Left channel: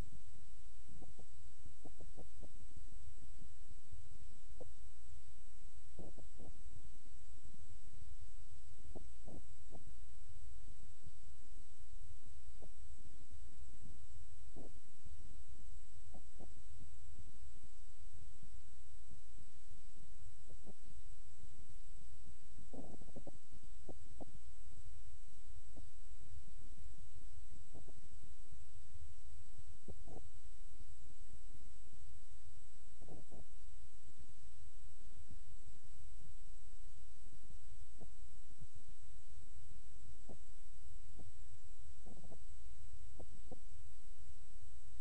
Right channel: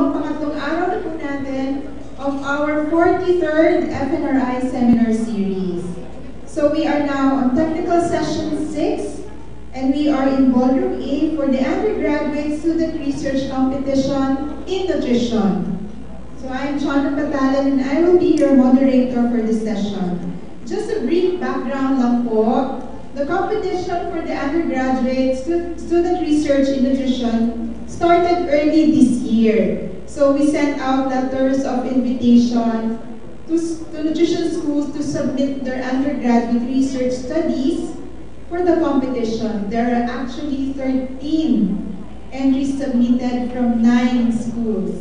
pangatlong araw na po natin of our 43rd FNRI Seminar Series. So we are now on Technical Session 6, and we are in Ballroom A for the Undergraduate Student Research Competition in Nutrition. So I'm Chana Patalan, and I will be your moderator for this session. Just a brief background lang po. The competition for the undergraduate student research in nutrition started early this year. So we sent out letters of invitation to nutrition schools to submit their undergraduate research studies for the competition. There are actually 13 entries submitted from 9 schools.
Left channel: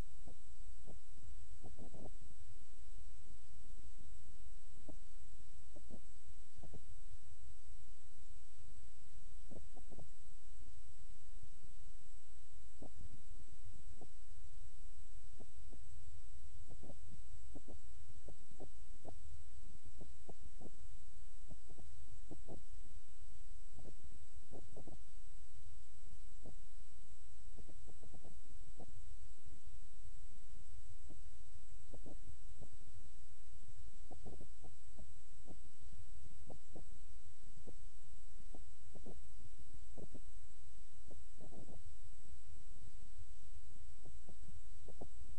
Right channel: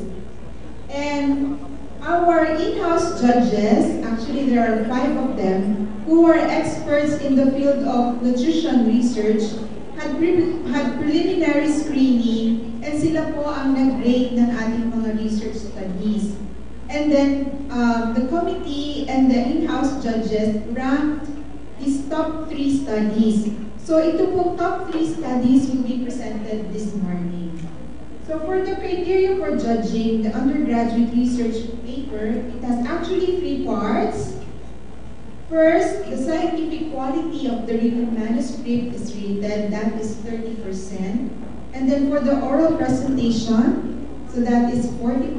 And our in-house judges, actually there are 5 of them, who are experts in the field of nutrition research, had preliminary screening, and sila po ang nag-grade ng ating mga research studies. And then the committee and the in-house judges ranked these top 3 studies. So ito po top 3 studies will be presented this morning. So for the criteria for judging the undergraduate research paper, it has actually 3 parts. First, the scientific quality of the written manuscript is rated, that is 30%. And then for the oral presentation, so that is 40%.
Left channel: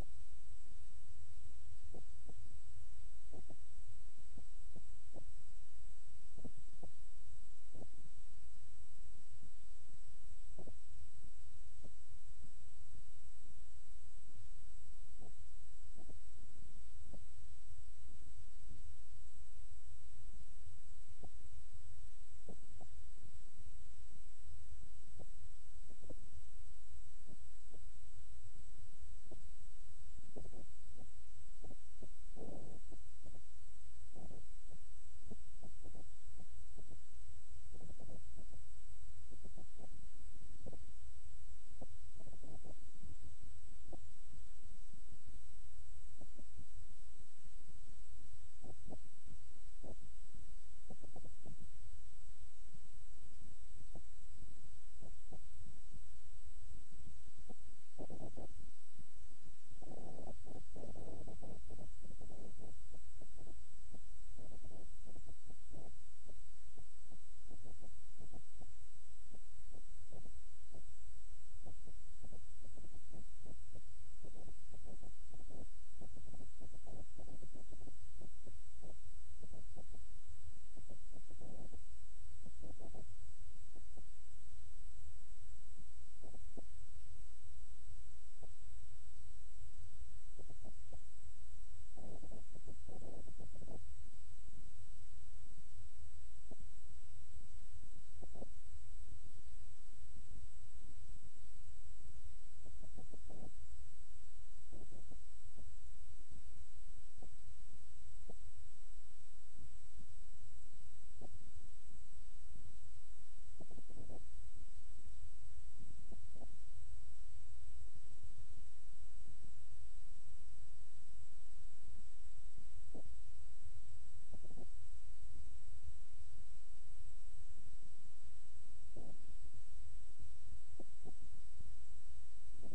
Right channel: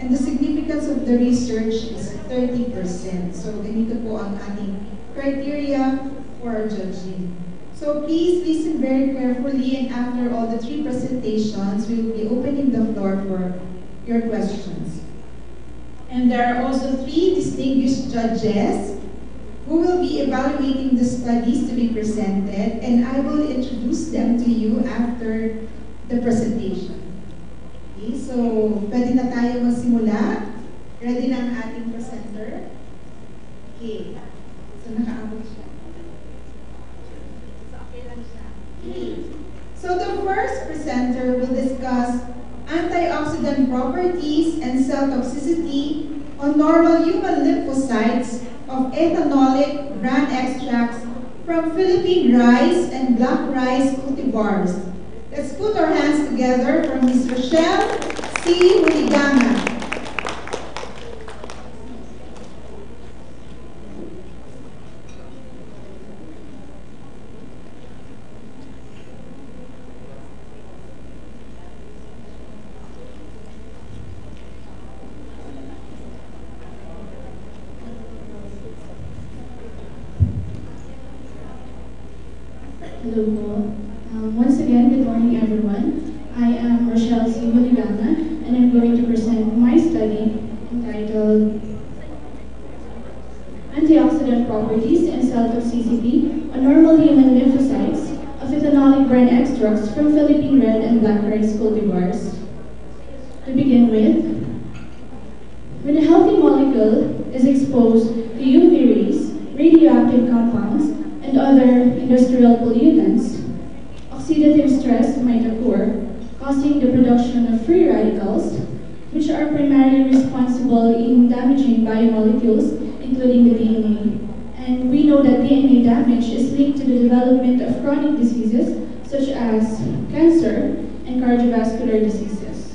And the significance of the research is 30%. So ganito po ang ating criteria for judging. So please listen very carefully, and after all the 3 presentations, we will be opening the floor for your questions. And there are also 3 distinguished judges who will be evaluating the studies to be presented, and I will introduce them to you after the presentation. Okay, so pwede na tayo magsimula. Ready na ang ating presenter? Okay, so nakaabot siya. So the first presenter will discuss antioxidant properties and cell toxicity on normal human lymphocytes of ethanolic bran extracts from Philippine rice and black rice cultivars. Let's put our hands together for Ms. Rochelle C. Huligama. Hello po. Once again, good morning everyone. I am Rochelle C. Huligama, and I'm going to present my study entitled Antioxidant Properties and Cell Toxicity on Normal Human Lymphocytes of Ethanolic Bran Extracts from Philippine Red and Black Rice Cultivars. To begin with, when a healthy molecule is exposed to UV rays, radioactive compounds, and other industrial pollutants, oxidative stress might occur, causing the production of free radicals, which are primarily responsible in damaging biomolecules, including the DNA. And we know that DNA damage is linked to the development of chronic diseases such as cancer and cardiovascular diseases.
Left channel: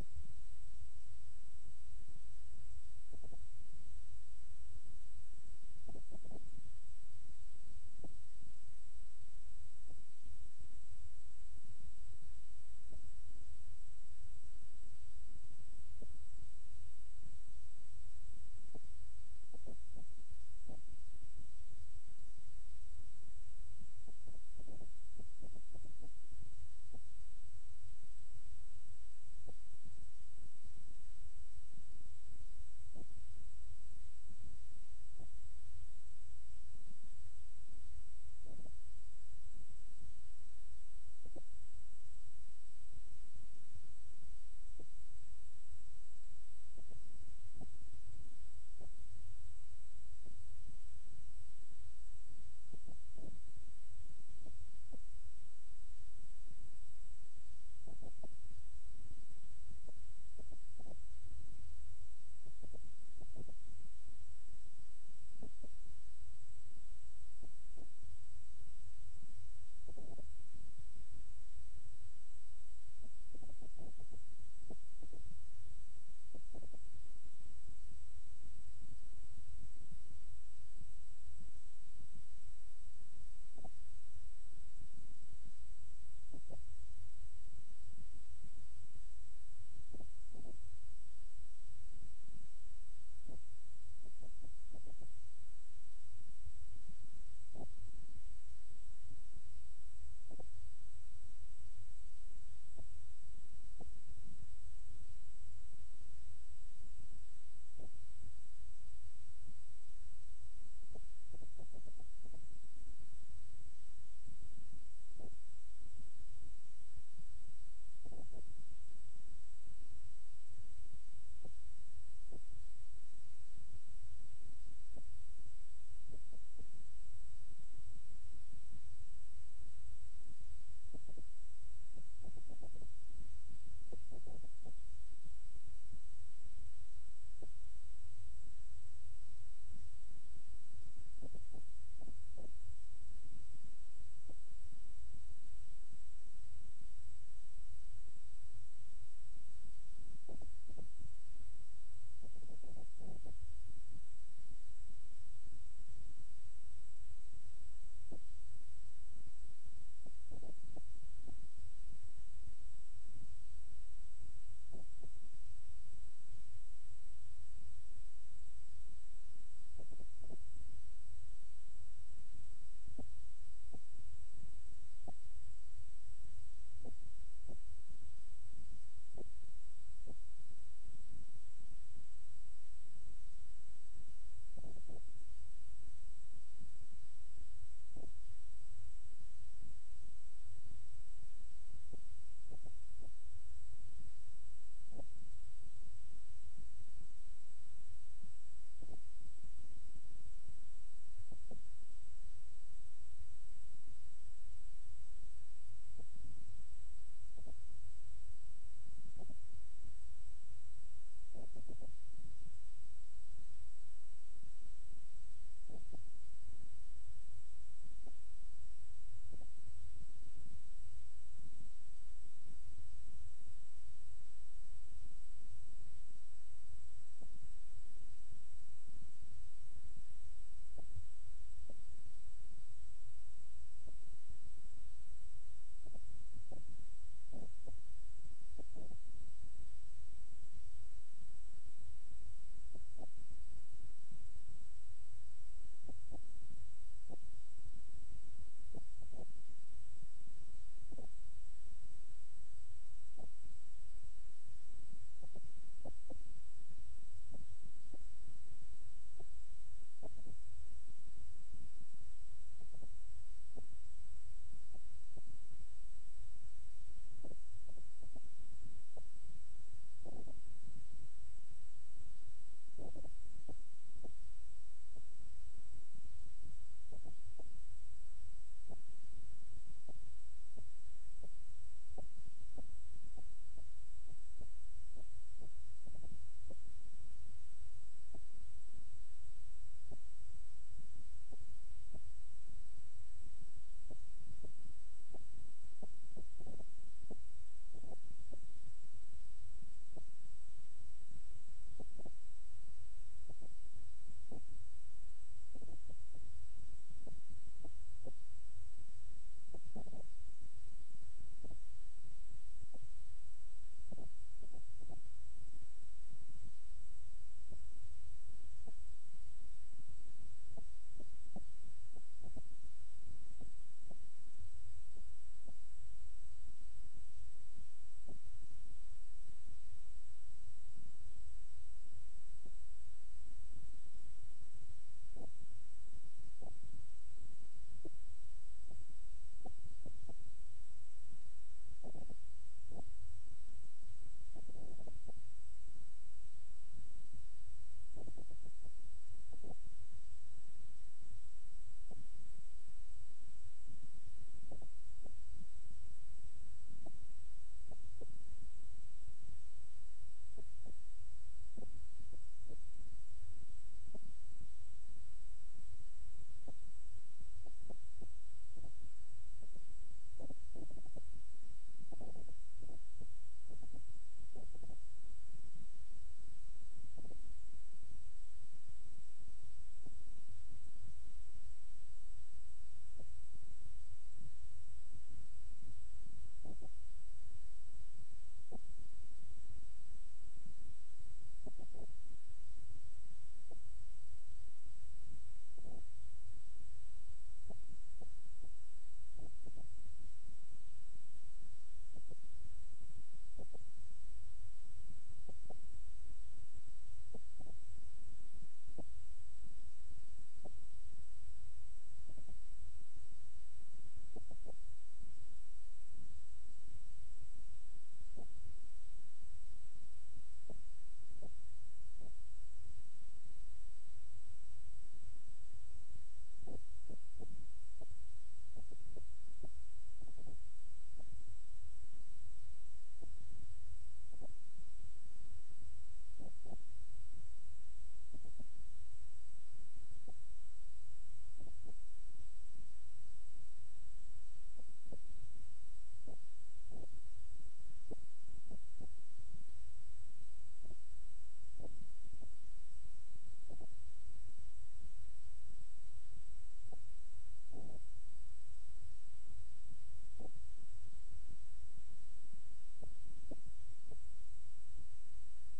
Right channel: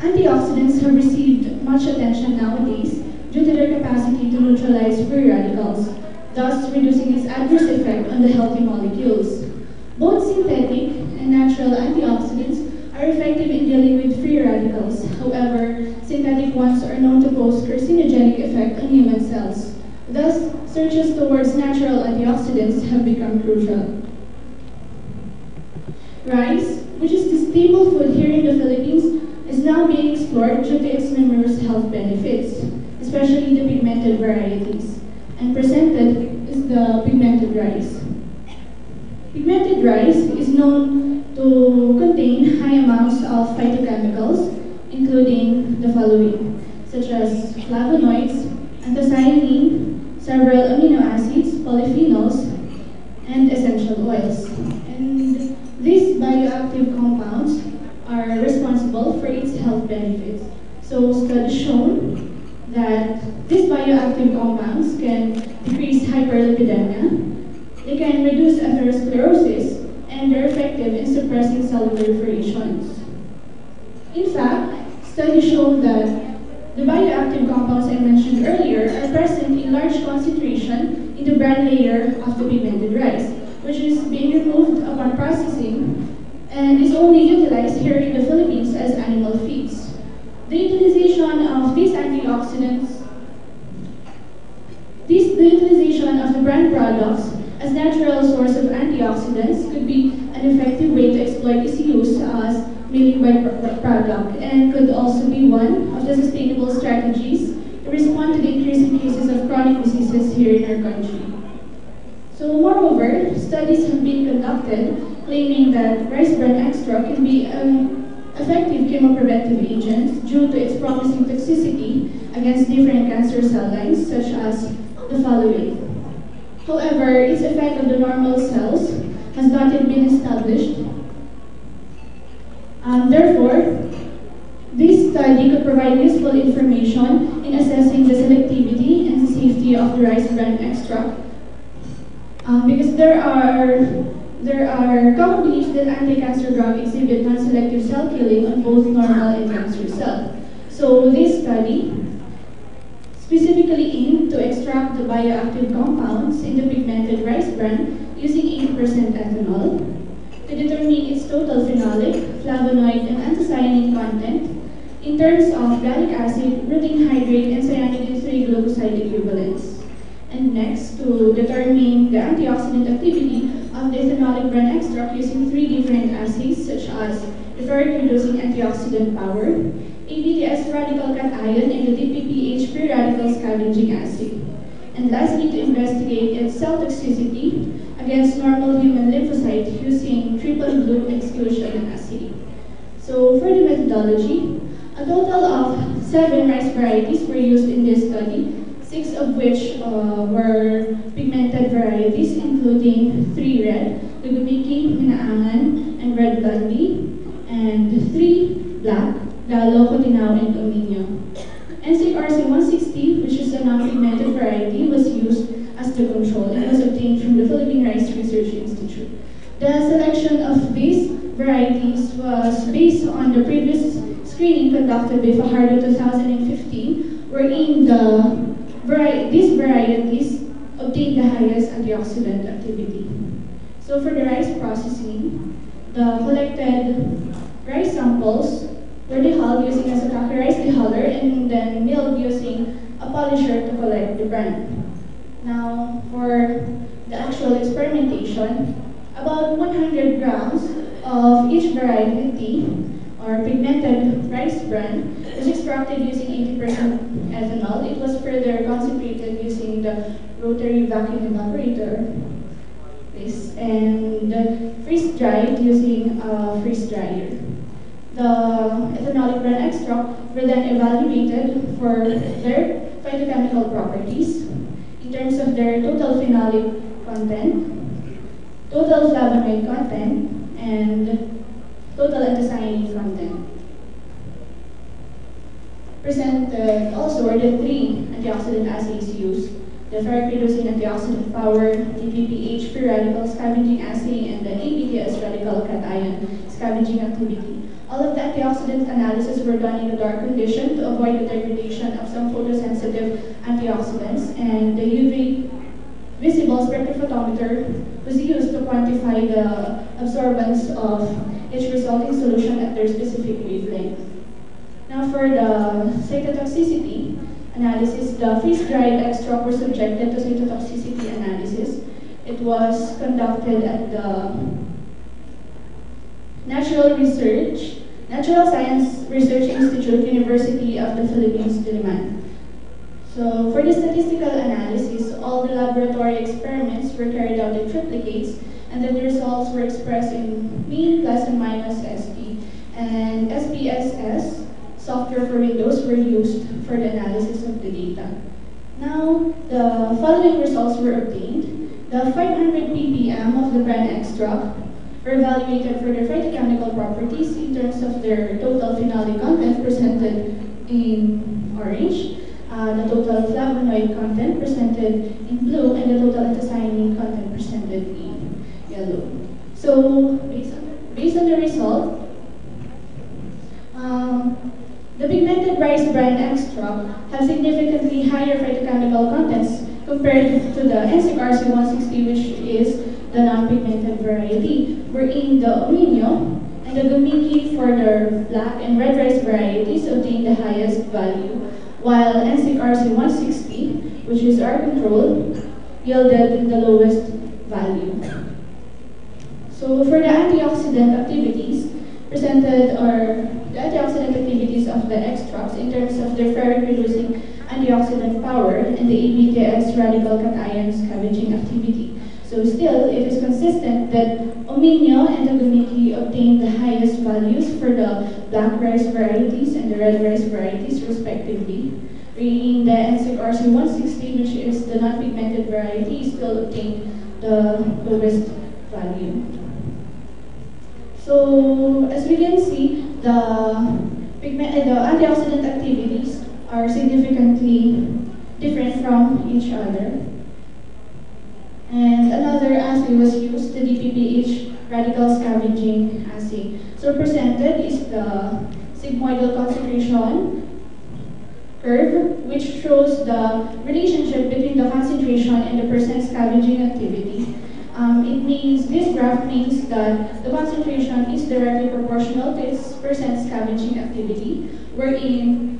Antioxidants have received much attention nowadays due to their capacity to neutralize free radicals, thus reducing its adverse effect on the healthy molecules. Both synthetic and natural antioxidants are effective in dealing with free radicals. However, synthetic ones are known to pose carcinogenic effect on human cells. Thus, searches towards natural antioxidants have become crucial. Rice, which is the staple food here in the Philippines, is now being explored due to its numerous health benefits, especially the pigmented varieties. And presented is the pigmented rice. Pigmented rice is known to contain high amounts of phytochemicals, including the following, such as flavonoids, anthocyanin, several amino acids, polyphenols, and essential oils. And these bioactive compounds are responsible for its health benefits. So studies shown that these bioactive compounds can decrease hyperlipidemia, they can reduce atherosclerosis, and they're effective in suppressing cell proliferations. In fact, studies show that the bioactive compounds I mentioned earlier are present in large concentration in the bran layer of the pigmented rice, which is being removed upon processing and is only utilized here in the Philippines as animal feeds. The utilization of these antioxidants, the utilization of the bran products as natural source of antioxidants could be an effective way to exploit its use as milling byproduct and could also be one of the sustainable strategies to respond to the increasing cases of chronic diseases here in our country. So moreover, studies have been conducted claiming that rice bran extract can be an effective chemopreventive agent due to its promising toxicity against different cancer cell lines such as the following. However, its effect on the normal cells has not yet been established. Therefore, this study could provide useful information in assessing the selectivity and the safety of the rice bran extract. Because there are common beliefs that anti-cancer drugs exhibit non-selective cell killing on both normal and cancer cells. So this study specifically aimed to extract the bioactive compounds in the pigmented rice bran using 80% ethanol to determine its total phenolic, flavonoid, and anthocyanin content in terms of gallic acid, rutin hydrate, and cyanidin-3 glucoside equivalents. And next, to determine the antioxidant activity of the ethanolic bran extract using 3 different assays such as the ferric-reducing antioxidant power, ABTS radical cation, and the DPPH free radical scavenging assay. And lastly, to investigate its cell toxicity against normal human lymphocytes using triple blue exclusion assay. So for the methodology, a total of 7 rice varieties were used in this study, 6 of which were pigmented varieties, including 3 red, Lugumiki, Minaangan, and red blondie, and 3 black, Galo, Cotinao, and Dominio. NCRC-160, which is a non-pigmented variety, was used as the control and was obtained from the Philippine Rice Research Institute. The selection of these varieties was based on the previous screening conducted by Fajardo 2015, wherein these varieties obtained the highest antioxidant activity. So for the rice processing, the collected rice samples were dehulled using a Sakaki rice dehuller and then milled using a polisher to collect the bran. Now, for the actual experimentation, about 100 grams of each variety or pigmented rice bran was extracted using 80% ethanol. It was further concentrated using the rotary vacuum evaporator, and freeze-dried using a freeze dryer. The ethanolic bran extract were then evaluated for their phytochemical properties in terms of their total phenolic content, total flavonoid content, and total anthocyanin content. Presented also were the 3 antioxidant assays used: the ferric-reducing antioxidant power, the DPPH free radical scavenging assay, and the ABTS radical cation scavenging activity. All of the antioxidant analysis were done in a dark condition to avoid the degradation of some photosensitive antioxidants, and the UV visible spectrophotometer was used to quantify the absorbance of each resulting solution at their specific wavelength. Now for the cytotoxicity analysis, the freeze-dried extract were subjected to cytotoxicity analysis. It was conducted at the Natural Science Research Institute, University of the Philippines, Diliman. So for the statistical analysis, all the laboratory experiments were carried out in triplicates, and then the results were expressed in mean plus and minus SP. And SPSS software for Windows were used for the analysis of the data. Now, the following results were obtained. The 500 ppm of the bran extract were evaluated for their phytochemical properties in terms of their total phenolic content presented in orange, the total flavonoid content presented in blue, and the total anthocyanin content presented in yellow. So, based on the result, The pigmented rice bran extract have significantly higher phytochemical contents compared to the NCRC-160, which is the non-pigmented variety, wherein the Omino and the Gumiki for the black and red rice varieties obtain the highest value, while NCRC-160, which is our control, yielded the lowest value. So for the antioxidant activities presented are the antioxidant activities of the extracts in terms of their ferric-reducing antioxidant power and the ABTX radical cation scavenging activity. So still, it is consistent that Omino and the Gumiki obtain the highest values for the black rice varieties and the red rice varieties respectively. In the NCRC-160, which is the non-pigmented variety, still obtain the lowest value. So as we can see, the antioxidant activities are significantly different from each other. And another assay was used, the DPPH radical scavenging assay. So presented is the sigmoidal concentration curve, which shows the relationship between the concentration and the percent scavenging activity. This graph means that the concentration is directly proportional to its percent scavenging activity, wherein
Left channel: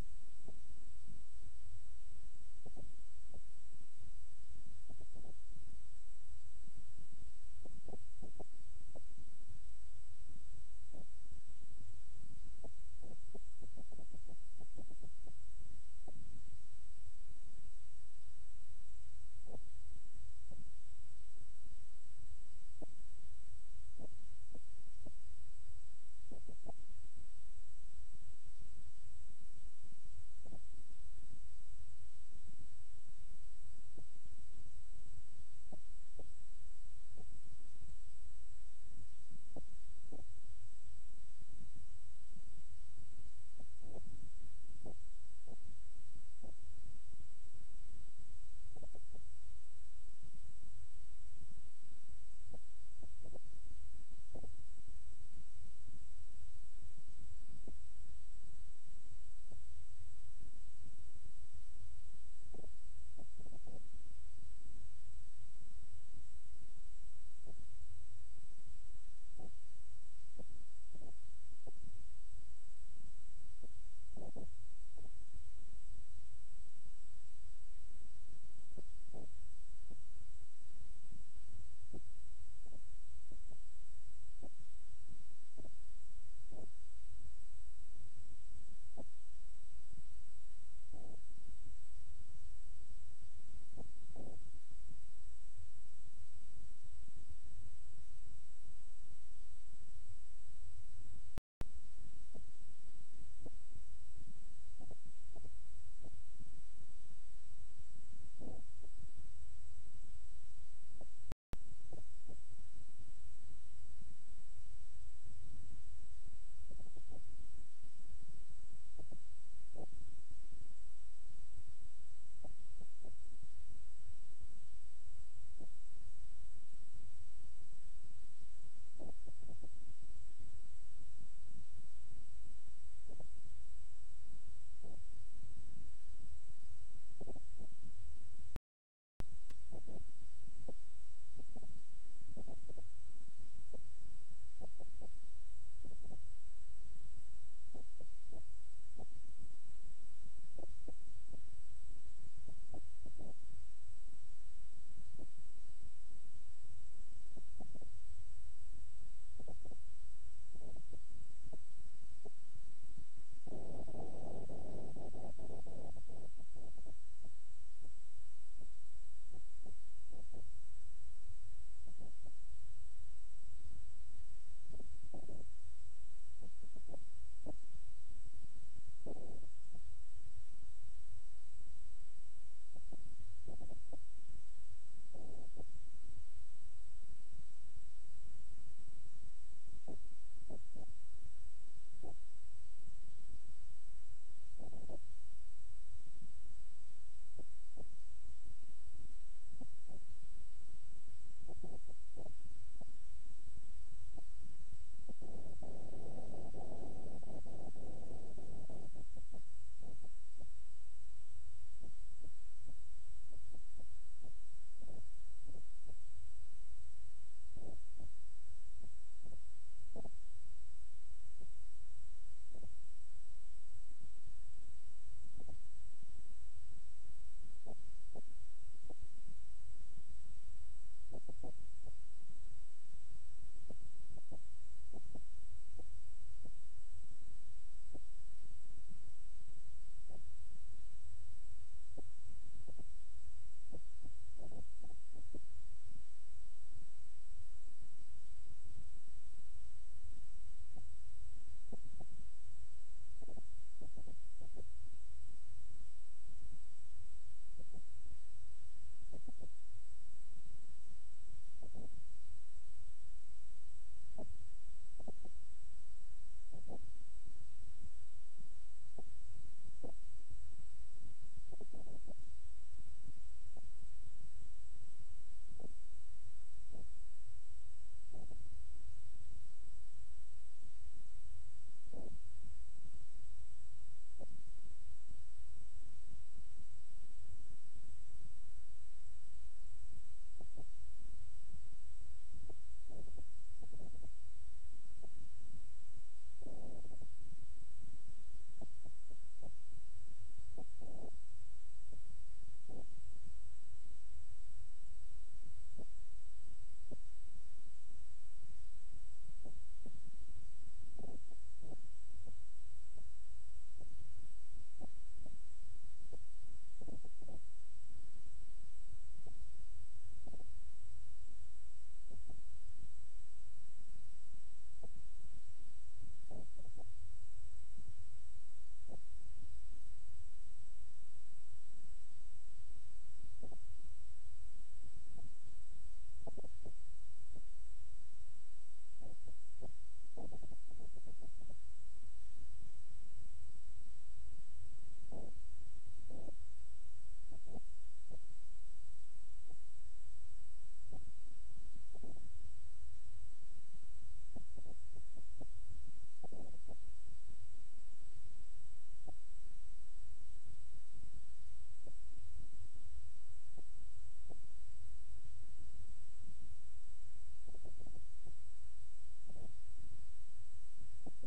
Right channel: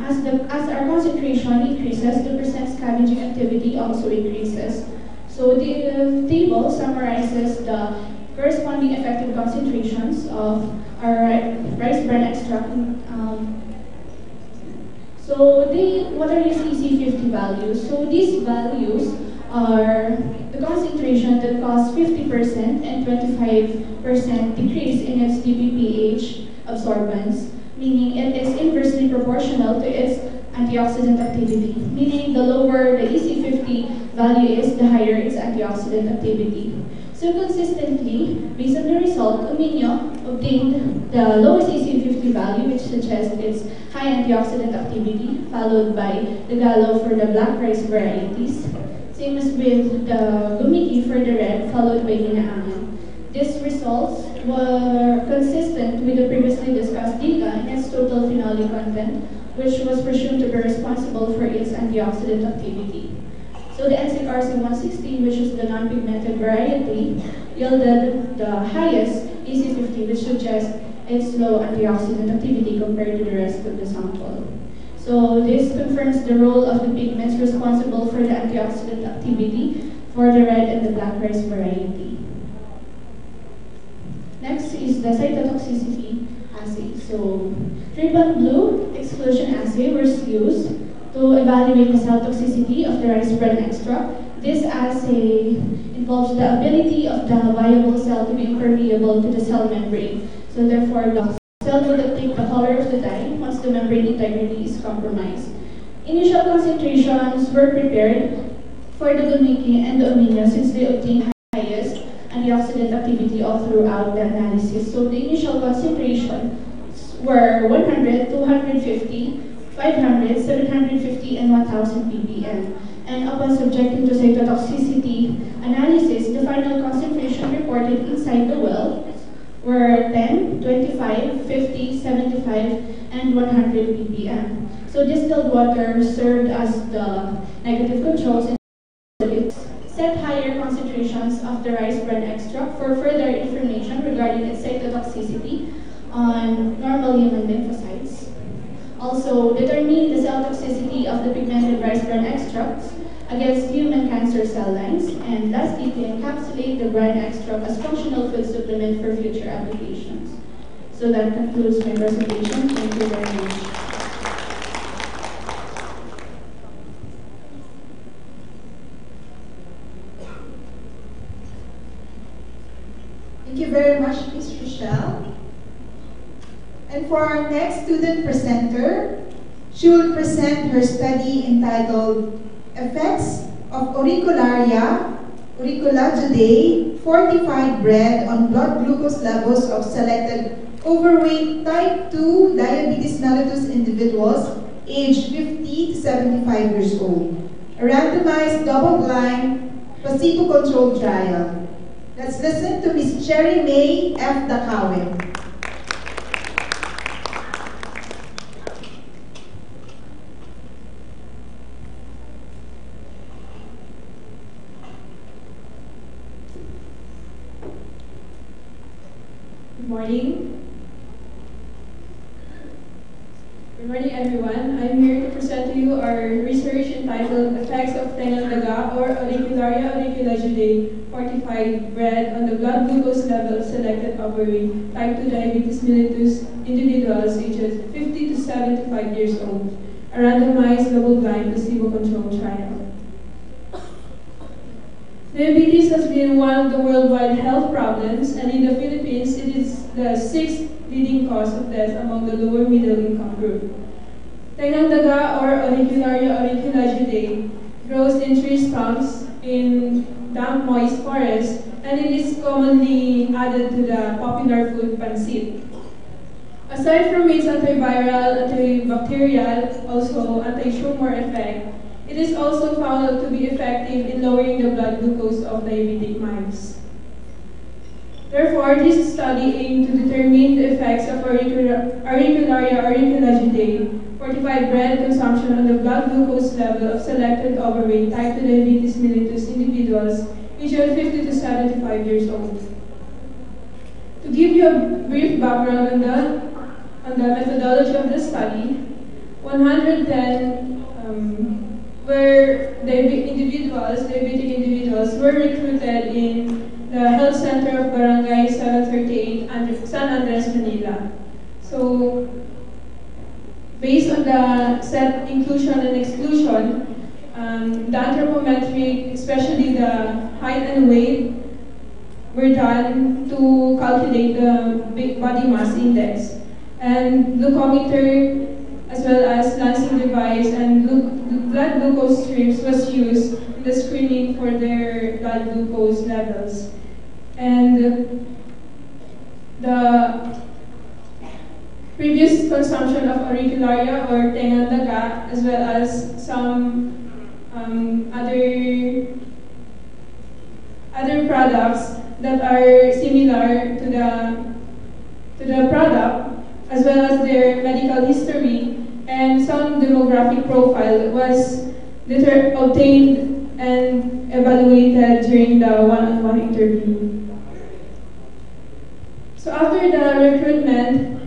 as our concentration increases, the percent scavenging activity also increases. So the table summarizes the corresponding effective concentrations of our rice bran extract. What are these EC50 values? So these values are the concentration that cause 50% and 25% decrease in its DPPH absorbance, meaning it is inversely proportional to its antioxidant activity, meaning the lower the EC50 value is, the higher its antioxidant activity. So consistently, based on the result, Omino obtained the lowest EC50 value, which suggests its high antioxidant activity, followed by the Gallo for the black rice varieties. Same as with the Gumiki for the red, followed by Ginaaman. These results were consistent with the previously discussed data in its total phenolic content, which was presumed to be responsible for its antioxidant activity. So the NCRC-160, which is the non-pigmented variety, yielded the highest EC50, which suggests its low antioxidant activity compared to the rest of the sample. So this confirms the role of the pigments responsible for the antioxidant activity for the red and the black rice variety. Next is the cytotoxicity assay. So triple blue exclusion assay was used to evaluate the cell toxicity of the rice bran extract. This assay involves the ability of the viable cell to be impermeable to the cell membrane. So therefore, the cell will take the color of the dye once the membrane integrity is compromised. Initial concentrations were prepared for the Gumiki and the Omino since they obtained highest antioxidant activity all throughout the analysis. So the initial concentration were 100, 250, 500, 750, and 1000 ppm. And upon subjecting to cytotoxicity analysis, the final concentration reported inside the well were 10, 25, 50, 75, and 100 ppm. So distilled water served as the negative controls and it set higher concentrations of the rice bran extract for further information regarding its cytotoxicity on normal human lymphocytes. Also, determining the cell toxicity of the pigmented rice bran extracts against human cancer cell lines, and lastly, to encapsulate the bran extract as functional food supplement for future applications. So that concludes my presentation. Thank you very much. Thank you very much, Ms. Rochelle. And for our next student presenter, she will present her study entitled Effects of Auricularia, Auriculaceae fortified bread on blood glucose levels of selected overweight type 2 diabetes mellitus individuals aged 50 to 75 years old. A randomized double-blind placebo-controlled trial. Let's listen to Ms. Cherry May F. Dacawen. morning. Good morning, everyone. I'm here to present to you our research entitled Effects of Tengang Daga or Auricularia auriculaceae fortified bread on the blood glucose level of selected overweight type 2 diabetes mellitus individuals ages 50 to 75 years old, a randomized double-blind placebo-controlled trial. Diabetes has been one of the worldwide health problems, and in the Philippines, it is the 6th leading cause of death among the lower middle income group. Tengang daga or Auricularia auriculaceae grows in tree stumps in damp, moist forests, and it is commonly added to the popular food pancit. Aside from its antiviral, antibacterial, also anti-tumor effect, it is also found to be effective in lowering the blood glucose of diabetic mice. Therefore, this study aimed to determine the effects of Auricularia auriculaceae fortified bread consumption on the blood glucose level of selected overweight type 2 diabetes mellitus individuals aged 50 to 75 years old. To give you a brief background on the methodology of the study, 110 diabetic individuals were recruited in the health center of Barangay 738 San Andres, Manila. So, based on the set inclusion and exclusion, the anthropometric, especially the height and weight, were done to calculate the body mass index. And glucometer, as well as lancing device and blood glucose strips was used in the screening for their blood glucose levels. And the previous consumption of auricularia or tengang daga, as well as some other products that are similar to the product, as well as their medical history and some demographic profile was obtained and evaluated during the one-on-one interview. So after the recruitment,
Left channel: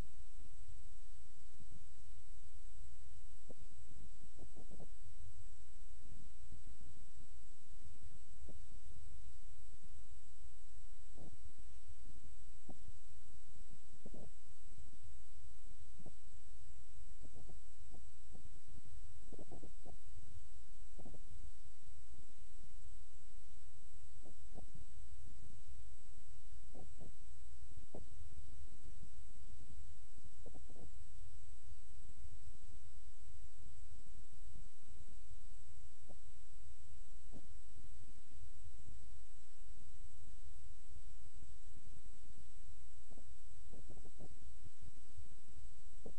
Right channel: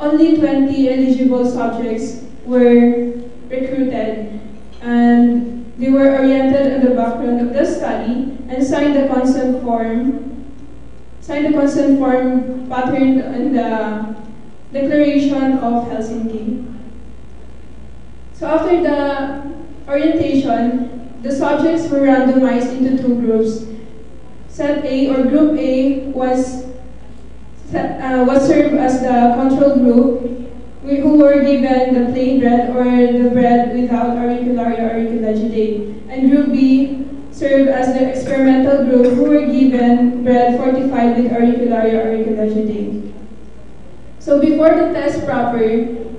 only 20 eligible subjects were recruited, and they were oriented on the background of the study and signed the consent form patterned on the Declaration of Helsinki. So after the orientation, the subjects were randomized into two groups. Set A or Group A was served as the control group, who were given the plain bread or the bread without auricularia auriculaceae, and Group B served as the experimental group, who were given bread fortified with auricularia auriculaceae. So before the test proper,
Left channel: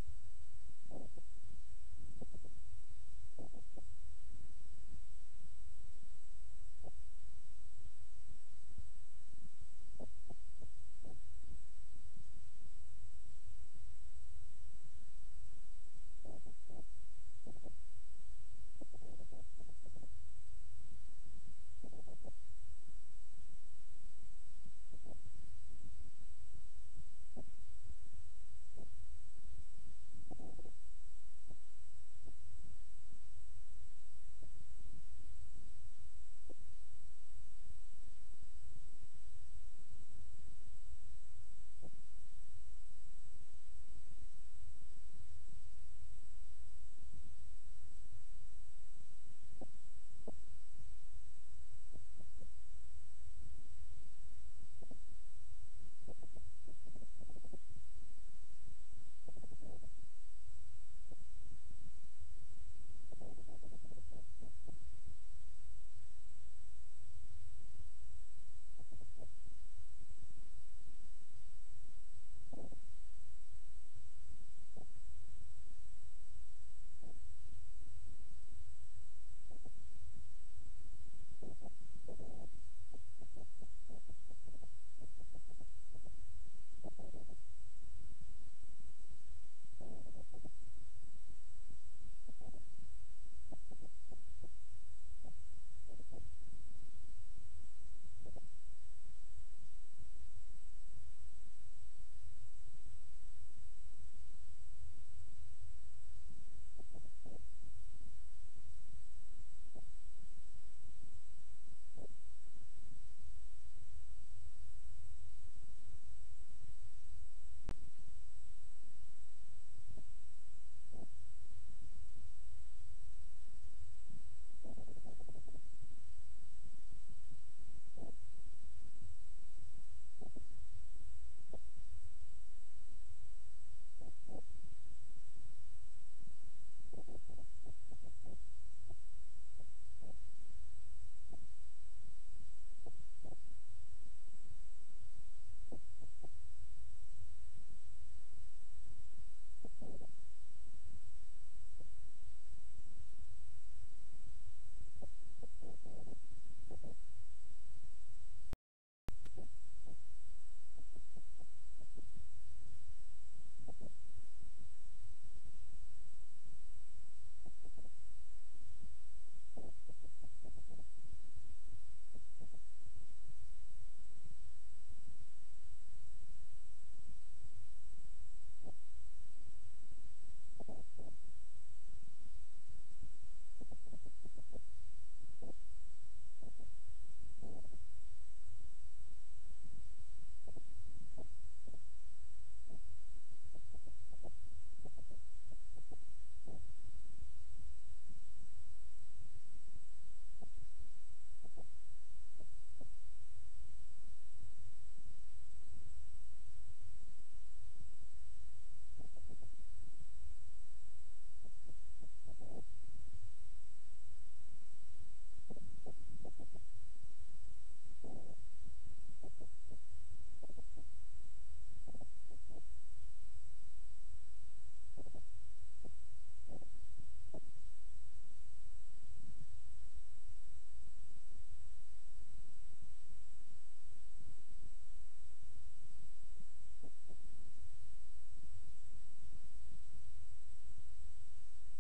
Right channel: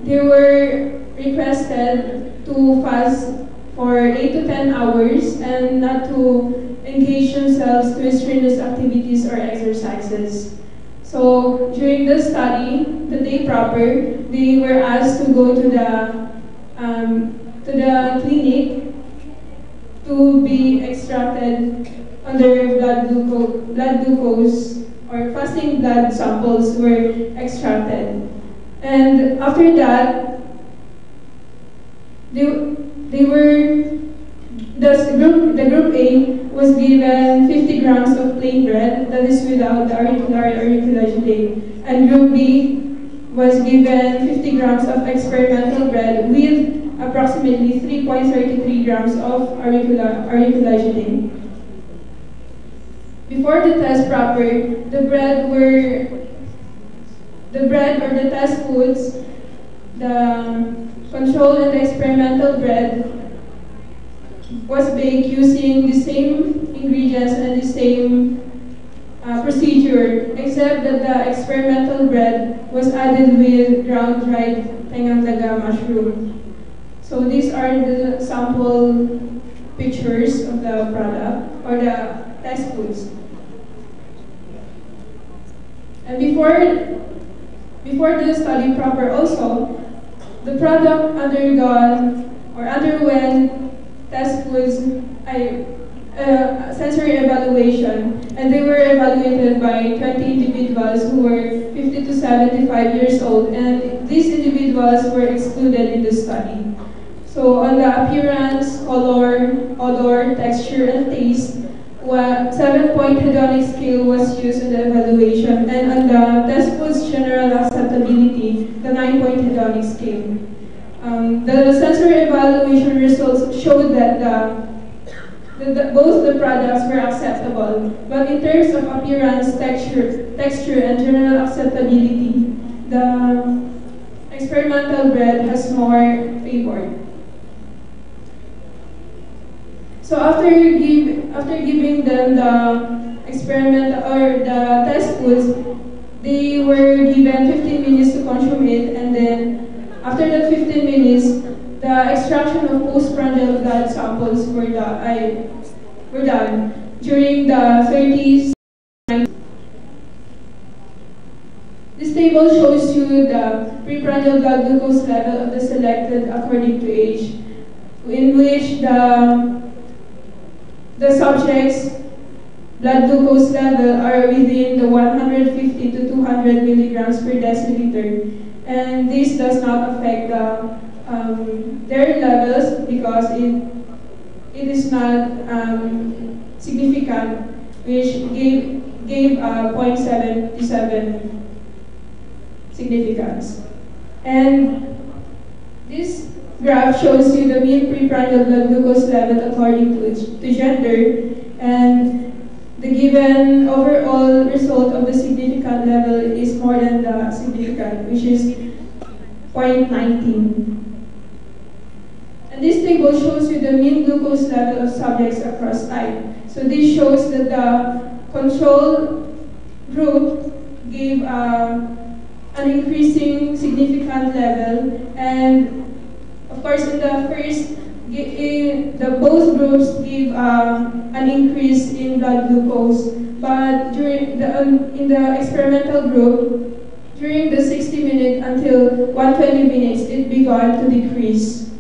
they were requested to fast for 8 to 10 hours and not to engage themselves to strenuous activities or exercises. So during the study, the day proper, they were asked to go to the clinic to be extracted on their blood glucose or fasting blood samples were extracted. And after that, the group A was given 50 grams of plain bread, that is without the auricularia auriculaceae, and Group B was given 50 grams of experimental bread with approximately 3.33 grams of auriculaceae. Before the test proper, the bread or the test foods, the control and the experimental bread was baked using the same ingredients and the same procedure, except that the experimental bread was added with ground dried tengang daga mushroom. So these are the sample pictures of the product or the test foods. And before the study proper also, the product underwent test foods sensory evaluation, and they were evaluated by 20 individuals who were 50 to 75 years old, and these individuals were excluded in the study. So on the appearance, color, odor, texture, and taste, 7-point hedonic scale was used in the evaluation, and on the test foods general acceptability, the 9-point hedonic scale. The sensory evaluation results showed that both the products were acceptable, but in terms of appearance, texture, and general acceptability, the experimental bread has more favored. So after giving them the experiment or the test foods, they were given 15 minutes to consume it, and then after that 15 minutes, the extraction of postprandial blood samples were done during the 30s. This table shows you the preprandial blood glucose level of the selected according to age, in which the subjects' blood glucose level are within the 150 to 200 milligrams per deciliter, and this does not affect their levels because it is not significant, which gave 0.77 significance. And this graph shows you the mean preprandial blood glucose level according to gender, and the given overall result of the significant level is more than the significant, which is 0.19. And this table shows you the mean glucose level of subjects across time. So this shows that the control group gave an increasing significant level, and of course, in the first, both groups give an increase in blood glucose, but during in the experimental group, during the 60-minute until 120 minutes, it began to decrease.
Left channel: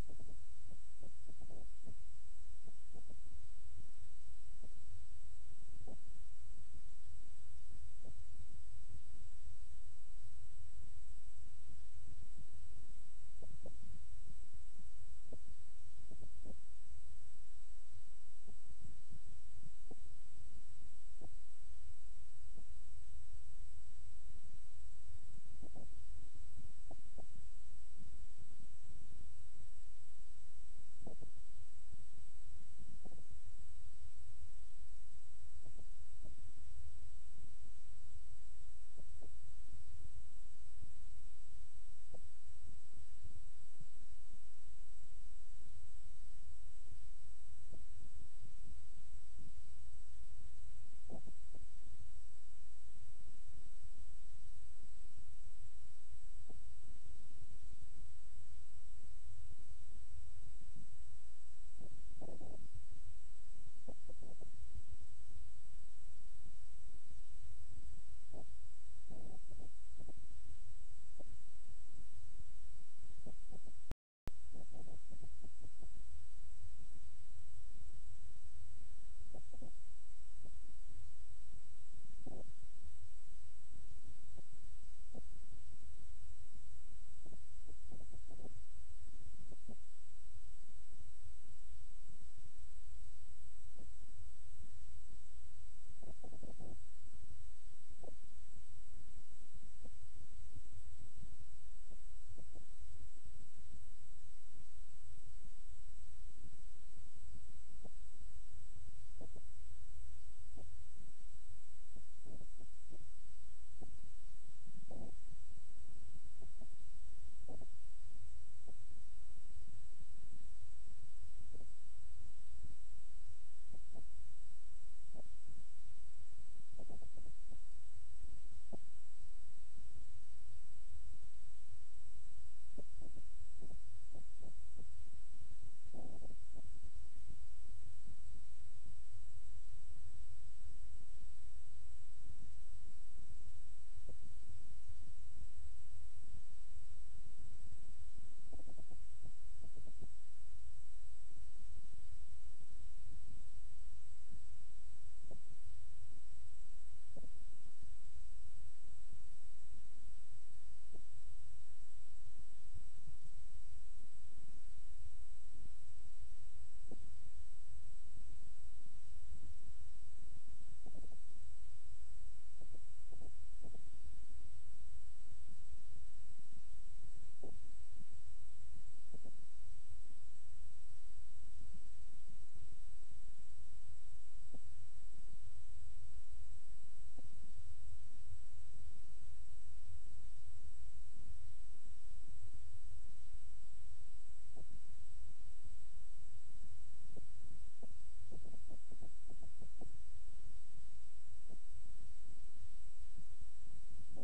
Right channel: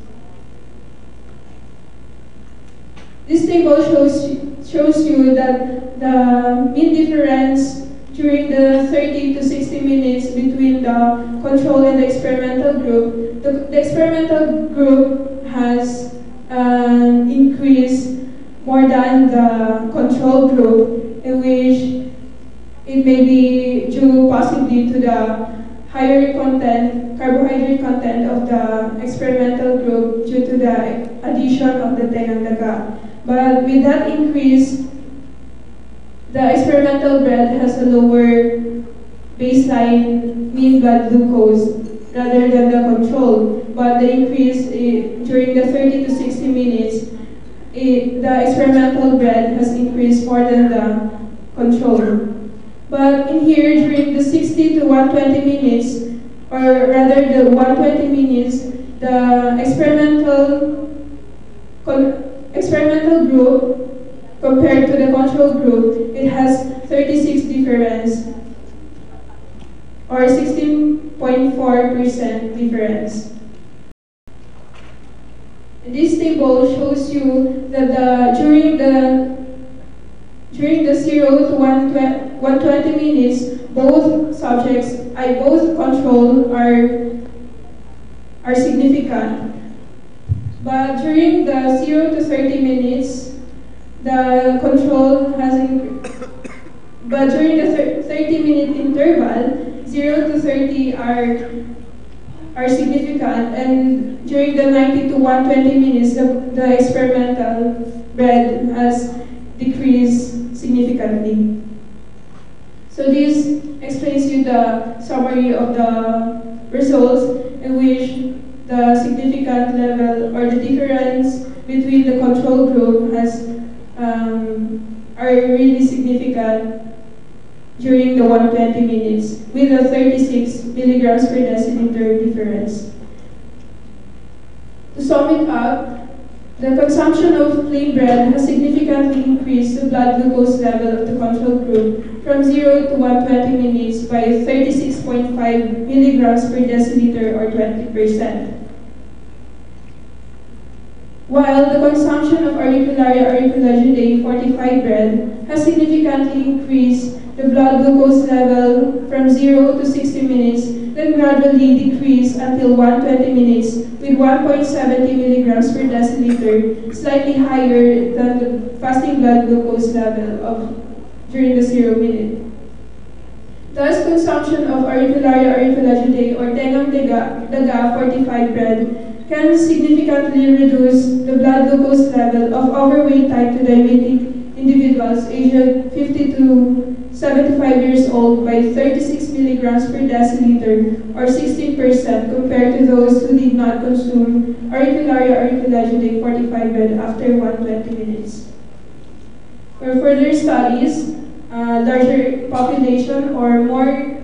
This table shows you that the mean difference during the 30 to 60 minutes between the control and the experimental group. The experimental group has an increase more than the control group, in which it may be due possibly to the higher carbohydrate content of the experimental group due to the addition of the tengandaga. But with that increase, the experimental bread has a lower baseline mean blood glucose rather than the control. But the increase during the 30 to 60 minutes, the experimental bread has increased more than the control. But in here, during the 60 to 120 minutes, or rather the 120 minutes, the experimental group compared to the control group, it has 36 difference, or 16.4% difference. And this table shows you that during the 0 to 120 minutes, both subjects, both control are significant. But during the 0 to 30 minutes, the control has increased. But during the 30-minute interval, 0 to 30 are significant, and during the 90 to 120 minutes, the experimental bread has decreased significantly. So this explains you the summary of the results, in which the significant level or the difference between the control group are really significant during the 120 minutes, with a 36 milligrams per deciliter difference. To sum it up, the consumption of plain bread has significantly increased the blood glucose level of the control group from 0 to 120 minutes by 36.5 milligrams per deciliter, or 20%. While the consumption of Auricularia auriculagidae fortified bread has significantly increased the the blood glucose level from 0 to 60 minutes, then gradually decrease until 120 minutes with 1.70 milligrams per deciliter, slightly higher than the fasting blood glucose level during the 0 minute. Thus, consumption of auricularia auriculagidae or tengang daga fortified bread can significantly reduce the blood glucose level of overweight type 2 diabetic individuals aged 50 to 75 years old by 36 milligrams per deciliter or 16% compared to those who did not consume auricularia auriculagidae fortified bread after 120 minutes. For further studies, larger population or more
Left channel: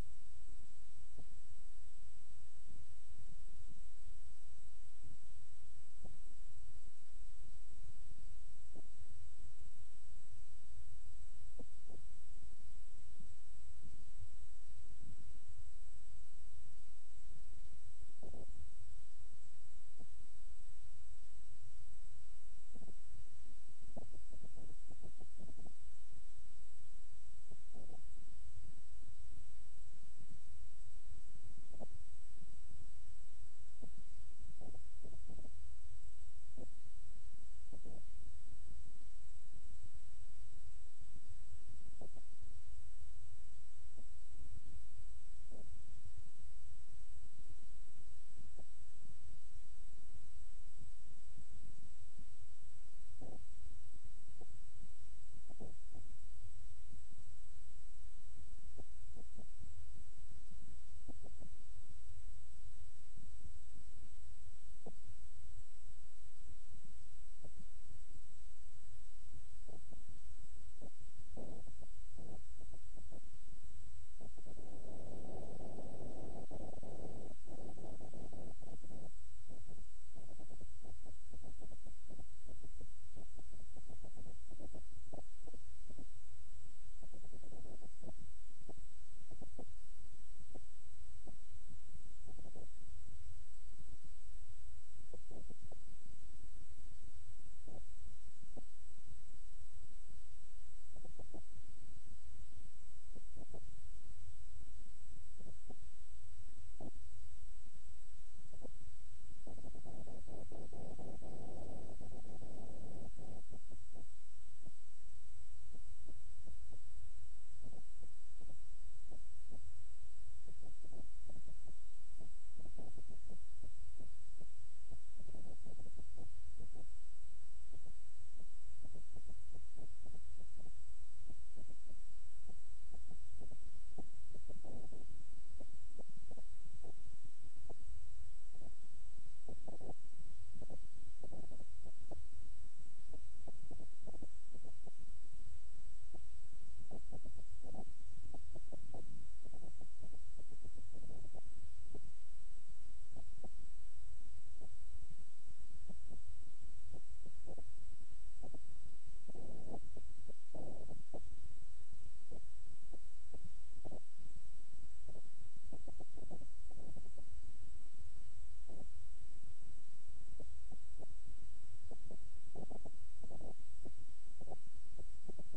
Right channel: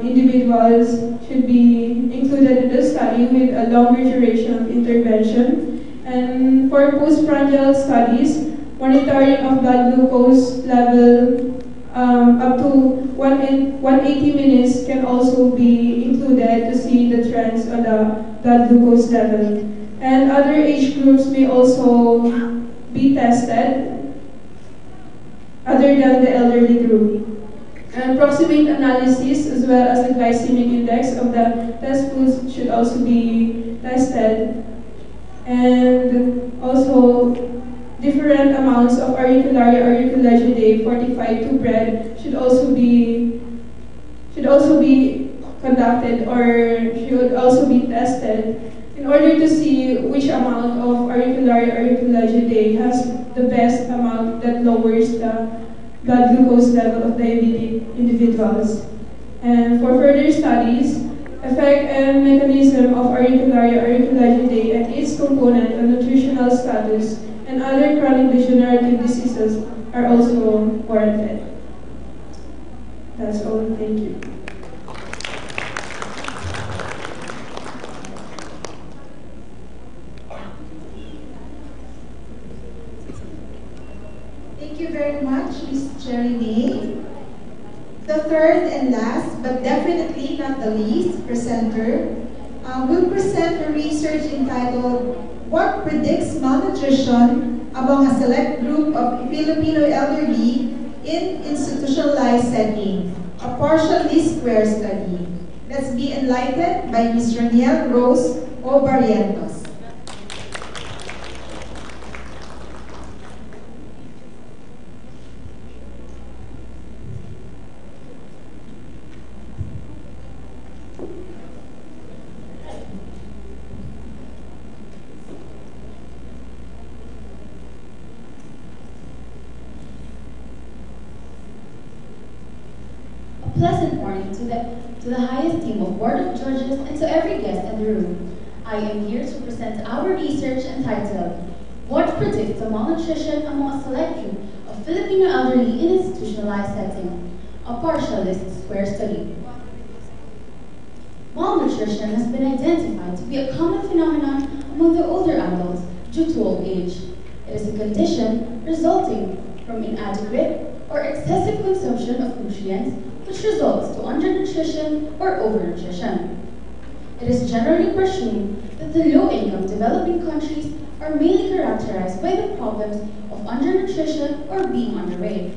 individuals should be included in the study with a longer duration of intervention. And for postprandial studies, monitoring of blood glucose level up to 180 minutes can also be included to see the trends on the blood glucose level. And other age groups may also be tested other than the elderly group. And approximate analysis as well as the glycemic index of the test foods should also be tested. And also different amounts of auricularia auriculagidae fortified to bread should also be conducted or should also be tested in order to see which amount of auricularia auriculagidae has the best amount that lowers the blood glucose level of diabetic individuals. And for further studies, effect and mechanism of auricularia auriculagidae and its component on nutritional status and other chronic degenerative diseases are also warranted. That's all. Thank you. Thank you very much, Ms. Cherry May. The third and last, but definitely not the least, presenter will present a research entitled "What Predicts Malnutrition Among a Select Group of Filipino Elderly in Institutionalized Setting, a partially square study." Let's be enlightened by Ms. Raniel Rose O. Barrientos. Pleasant morning to the highest team of Board of Judges and to every guest in the room. I am here to present our research entitled, "What Predicts the Malnutrition Among a Select Group of Filipino Elderly in Institutionalized Setting, a Partialist Square Study." Malnutrition has been identified to be a common phenomenon among the older adults due to old age. It is a condition resulting from inadequate or excessive consumption of nutrients, which results to undernutrition or overnutrition. It is generally presumed that the low-income developing countries are mainly characterized by the problems of undernutrition or being underweight.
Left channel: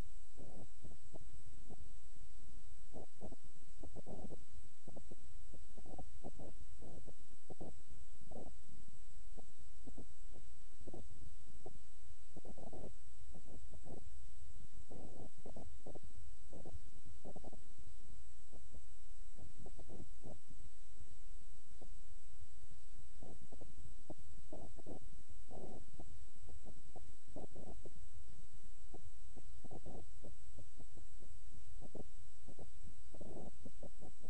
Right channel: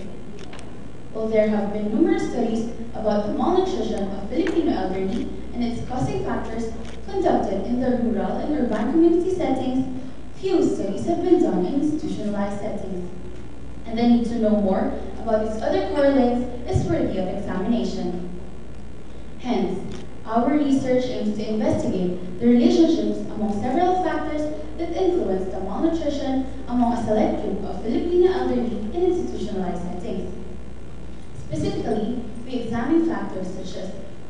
While there have been numerous studies about the malnutrition of Filipino elderly and its causing factors conducted in the rural and urban community settings, few studies have been done in institutionalized settings. And the need to know more about its other correlates is worthy of examination. Hence, our research aims to investigate the relationships among several factors that influence the malnutrition among a select group of Filipino elderly in institutionalized settings. Specifically, we examine factors such as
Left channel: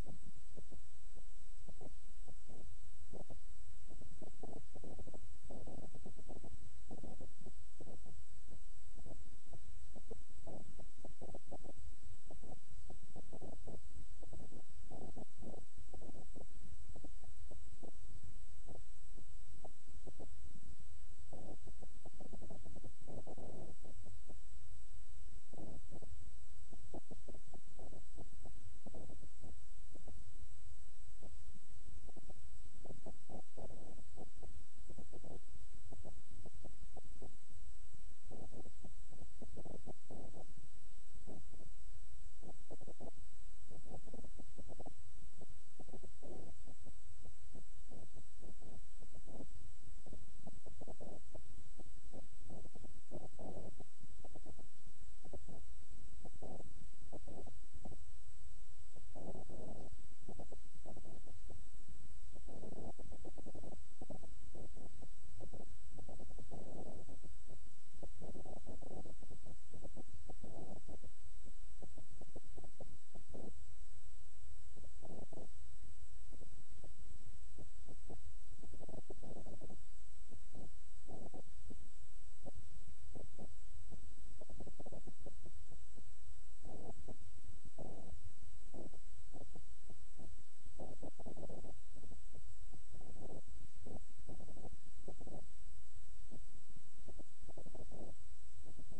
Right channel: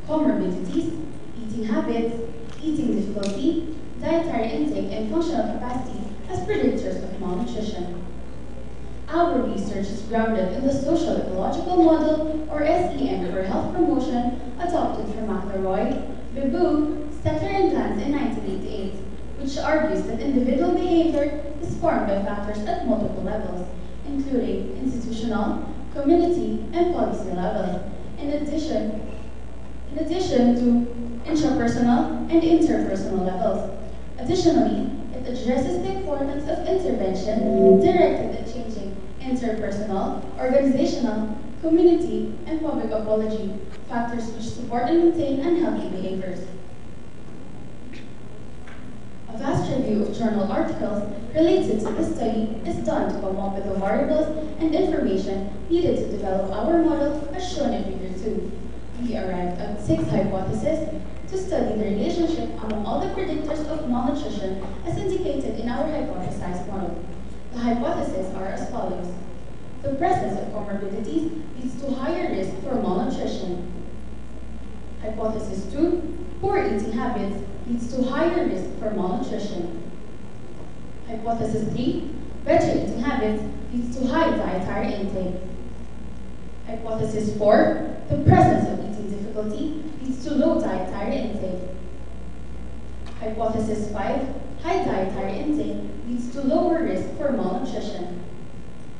comorbidities, eating habits, eating difficulty, dietary intake, and functional capacity as predictors of malnutrition. Our research is grounded in the Social Ecological Model, or SEM, for health promotion adopted from McElroy, Bebu, Stettler, and Glantz in 1988, which argues that individual behavior is formed by factors at multiple levels, including institutional, community, and policy levels, in addition to intrapersonal and interpersonal levels. Additionally, it addresses the importance of intervention directed at changing interpersonal, organizational, community, and public apology, factors which support and maintain unhealthy behaviors. A vast review of journal articles related to this study is done to come up with the variables and information needed to develop our model as shown in Figure 2. We arrived at 6 hypotheses to study the relationship among all the predictors of malnutrition as indicated in our hypothesized model. The hypotheses are as follows. The presence of comorbidities leads to higher risk for malnutrition. Hypothesis 2, poor eating habits leads to higher risk for malnutrition. Hypothesis 3, better eating habits leads to high dietary intake. Hypothesis 4, the presence of eating difficulty leads to low dietary intake. Hypothesis 5, high dietary intake leads to lower risk for malnutrition.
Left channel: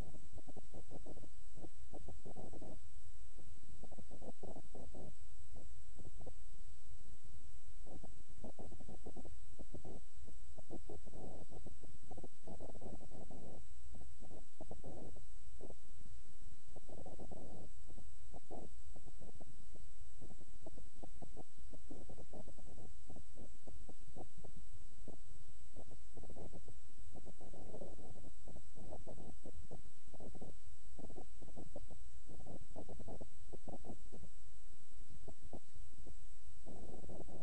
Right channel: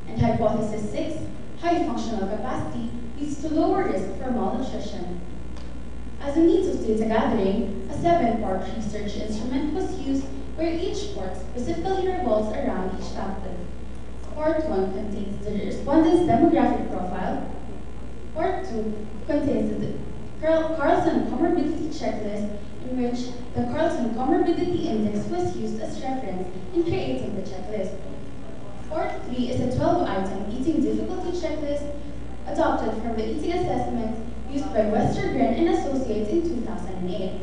And hypothesis 6, high functional capacity leads to lower risk for malnutrition. As a means of data gathering, a 7-part research instrument was used where each part specifically revolves around each factor. Part 1 contains the respondent's demographic profile. Part 2 contains the Carlson Comorbidity Checklist, in which the Carlson Comorbidity Index was used as reference in creating the checklist. Part 3 is a 12-item eating difficulty checklist adopted from the eating assessment used by Westergren and Associates in 2008.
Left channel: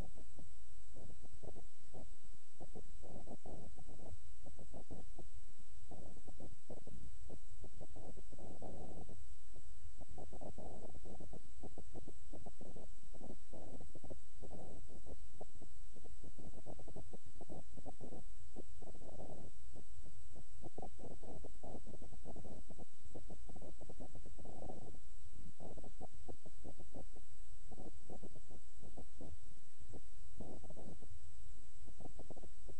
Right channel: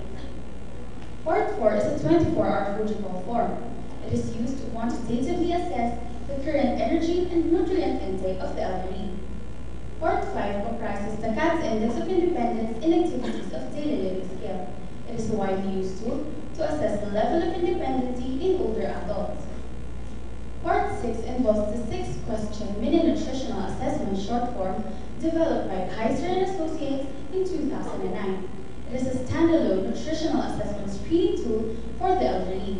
Part 4 is a 24-hour Fujifilm form. It is used to quantitatively assess the current energy and nutrient intake of the elderly. Part 5 comprises the CATS Index of Independence in Activities of Daily Living Scale. It is a widely used tool to assess the level of independency in older adults. Part 6 involves the 6-question mini nutritional assessment short form developed by Kaiser and Associates in 2009. It is a standalone nutritional assessment screening tool for the elderly.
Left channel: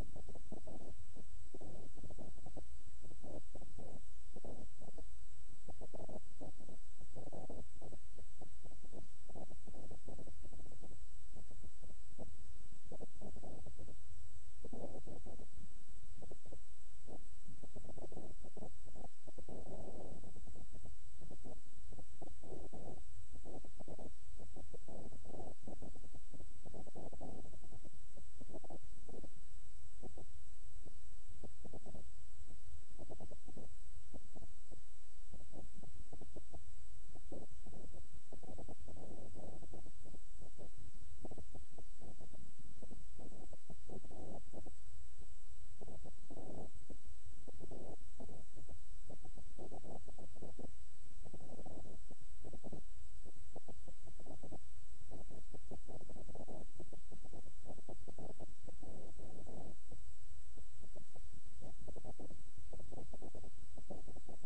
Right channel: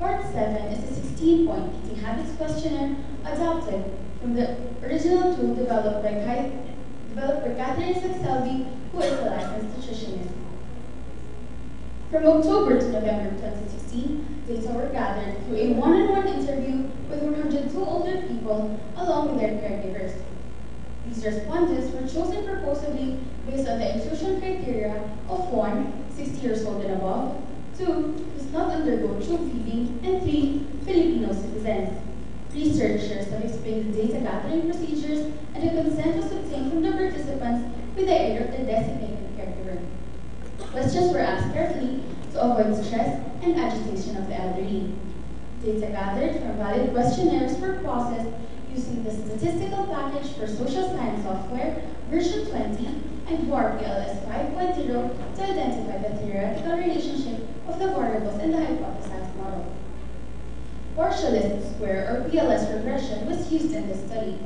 Part 7 is a 16-point eating habits questionnaire adopted from the original tool developed by Catherine Saxelby, who is a licensed nutritionist. From October to November 2016, data were gathered through a one-on-one interview with 102 older people along with their caregivers. These respondents were chosen proposively based on the inclusion criteria of 1, 60 years old and above, 2, does not undergo tube feeding, and 3, Filipino citizens. Researchers have explained the data gathering procedures, and the consent was obtained from the participants with the aid of the designated caregiver. Questions were asked carefully to avoid stress and agitation of the elderly. Data gathered from valid questionnaires were processed using the statistical package for social science software version 20 and WAR PLS 5.0 to identify the theoretical relationship of the variables in the hypothesized model. Partialist square or PLS regression was used in this study.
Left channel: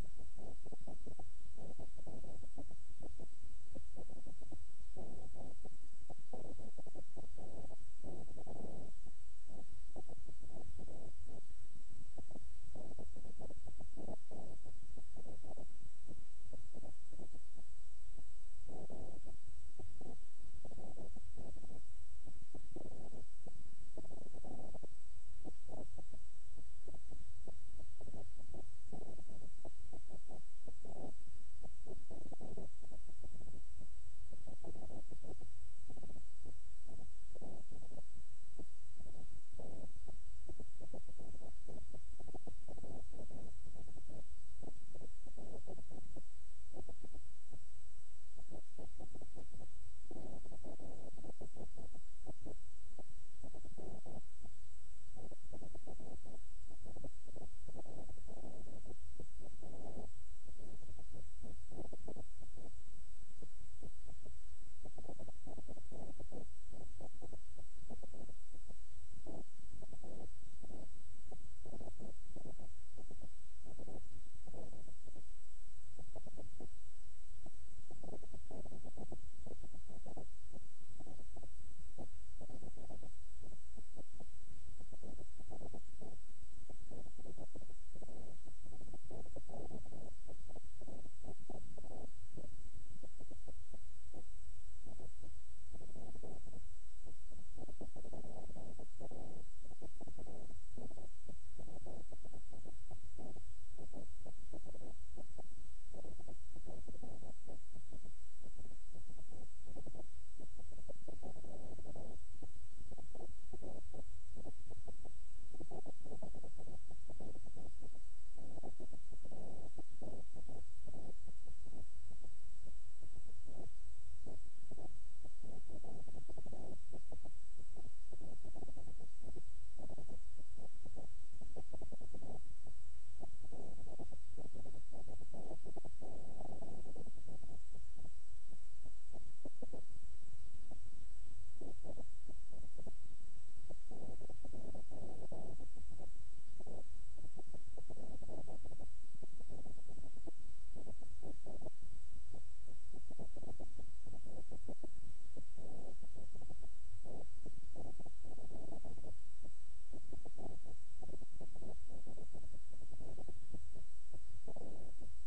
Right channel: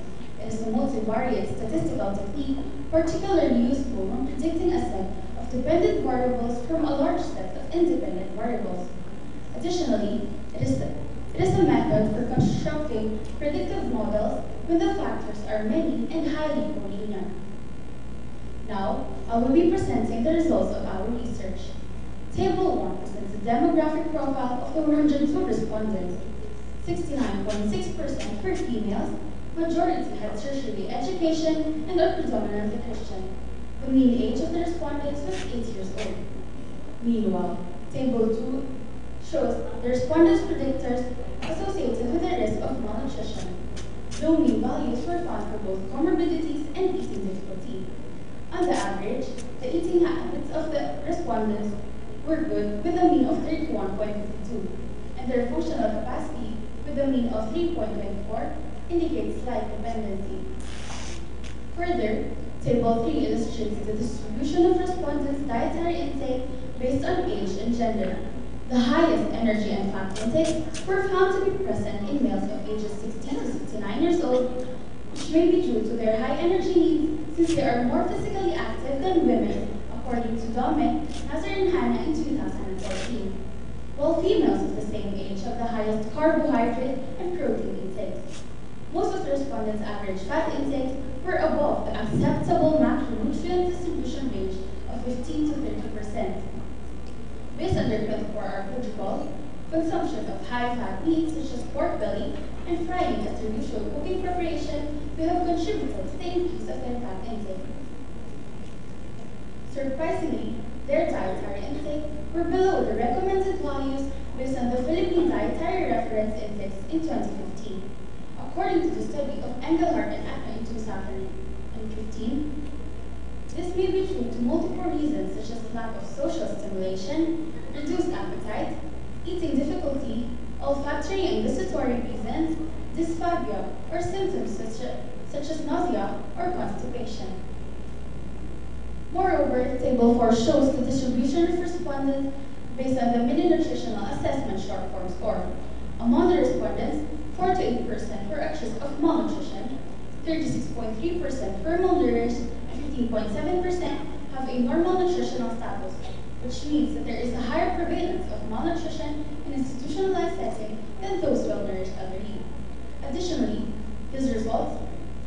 It is a multivariate statistical technique particularly useful when predicting a set of dependent variables from a large set of independent variables. Additionally, it is a method for constructing predictive models when the factors are many and highly collinear. Now, I will be presenting the results of our research. Table 1 presents the demographic profile of the 102 respondents. 69.6% were females, majority had tertiary education, and are predominantly Christian. The mean age of the respondents was 8 years old. Meanwhile, Table 2 shows the respondents' predictors associated with the risk of malnutrition. Low mean values were found for both comorbidities and eating difficulty. On the average, the eating habits of the respondents were good with a mean of 31.52, and their functional capacity with a mean of 3.24 indicates slight dependency. Further, Table 3 illustrates the distribution of respondents' dietary intake based on age and gender. The highest energy and fat intakes were found to be present in males of ages 60 to 69 years old, which may be due to their high energy needs since they are more physically active than women, according to Dominic, Nazar, and Hannah in 2014. While females of the same age have the highest carbohydrate and protein intakes. Most of the respondents' average fat intakes were above the acceptable macronutrient distribution range of 15 to 30%. Based on their 24-hour protocol, consumption of high-fat meats such as pork belly and frying as their usual cooking preparation may have contributed to the increase of their fat intake. Surprisingly, their dietary intake were below the recommended values based on the Philippine Dietary Reference Index in 2015. According to the study of Engelhardt and Ackman in 2015, this may be true to multiple reasons such as lack of social stimulation, reduced appetite, eating difficulty, olfactory and gustatory reasons, dysphagia, or symptoms such as nausea or constipation. Moreover, Table 4 shows the distribution of respondents based on the mini nutritional assessment short form score. Among the respondents, 48% were accused of malnutrition, 36.3% were malnourished, and 15.7% have a normal nutritional status, which means that there is a higher prevalence of malnutrition in institutionalized setting than those well-nourished elderly. Additionally, these results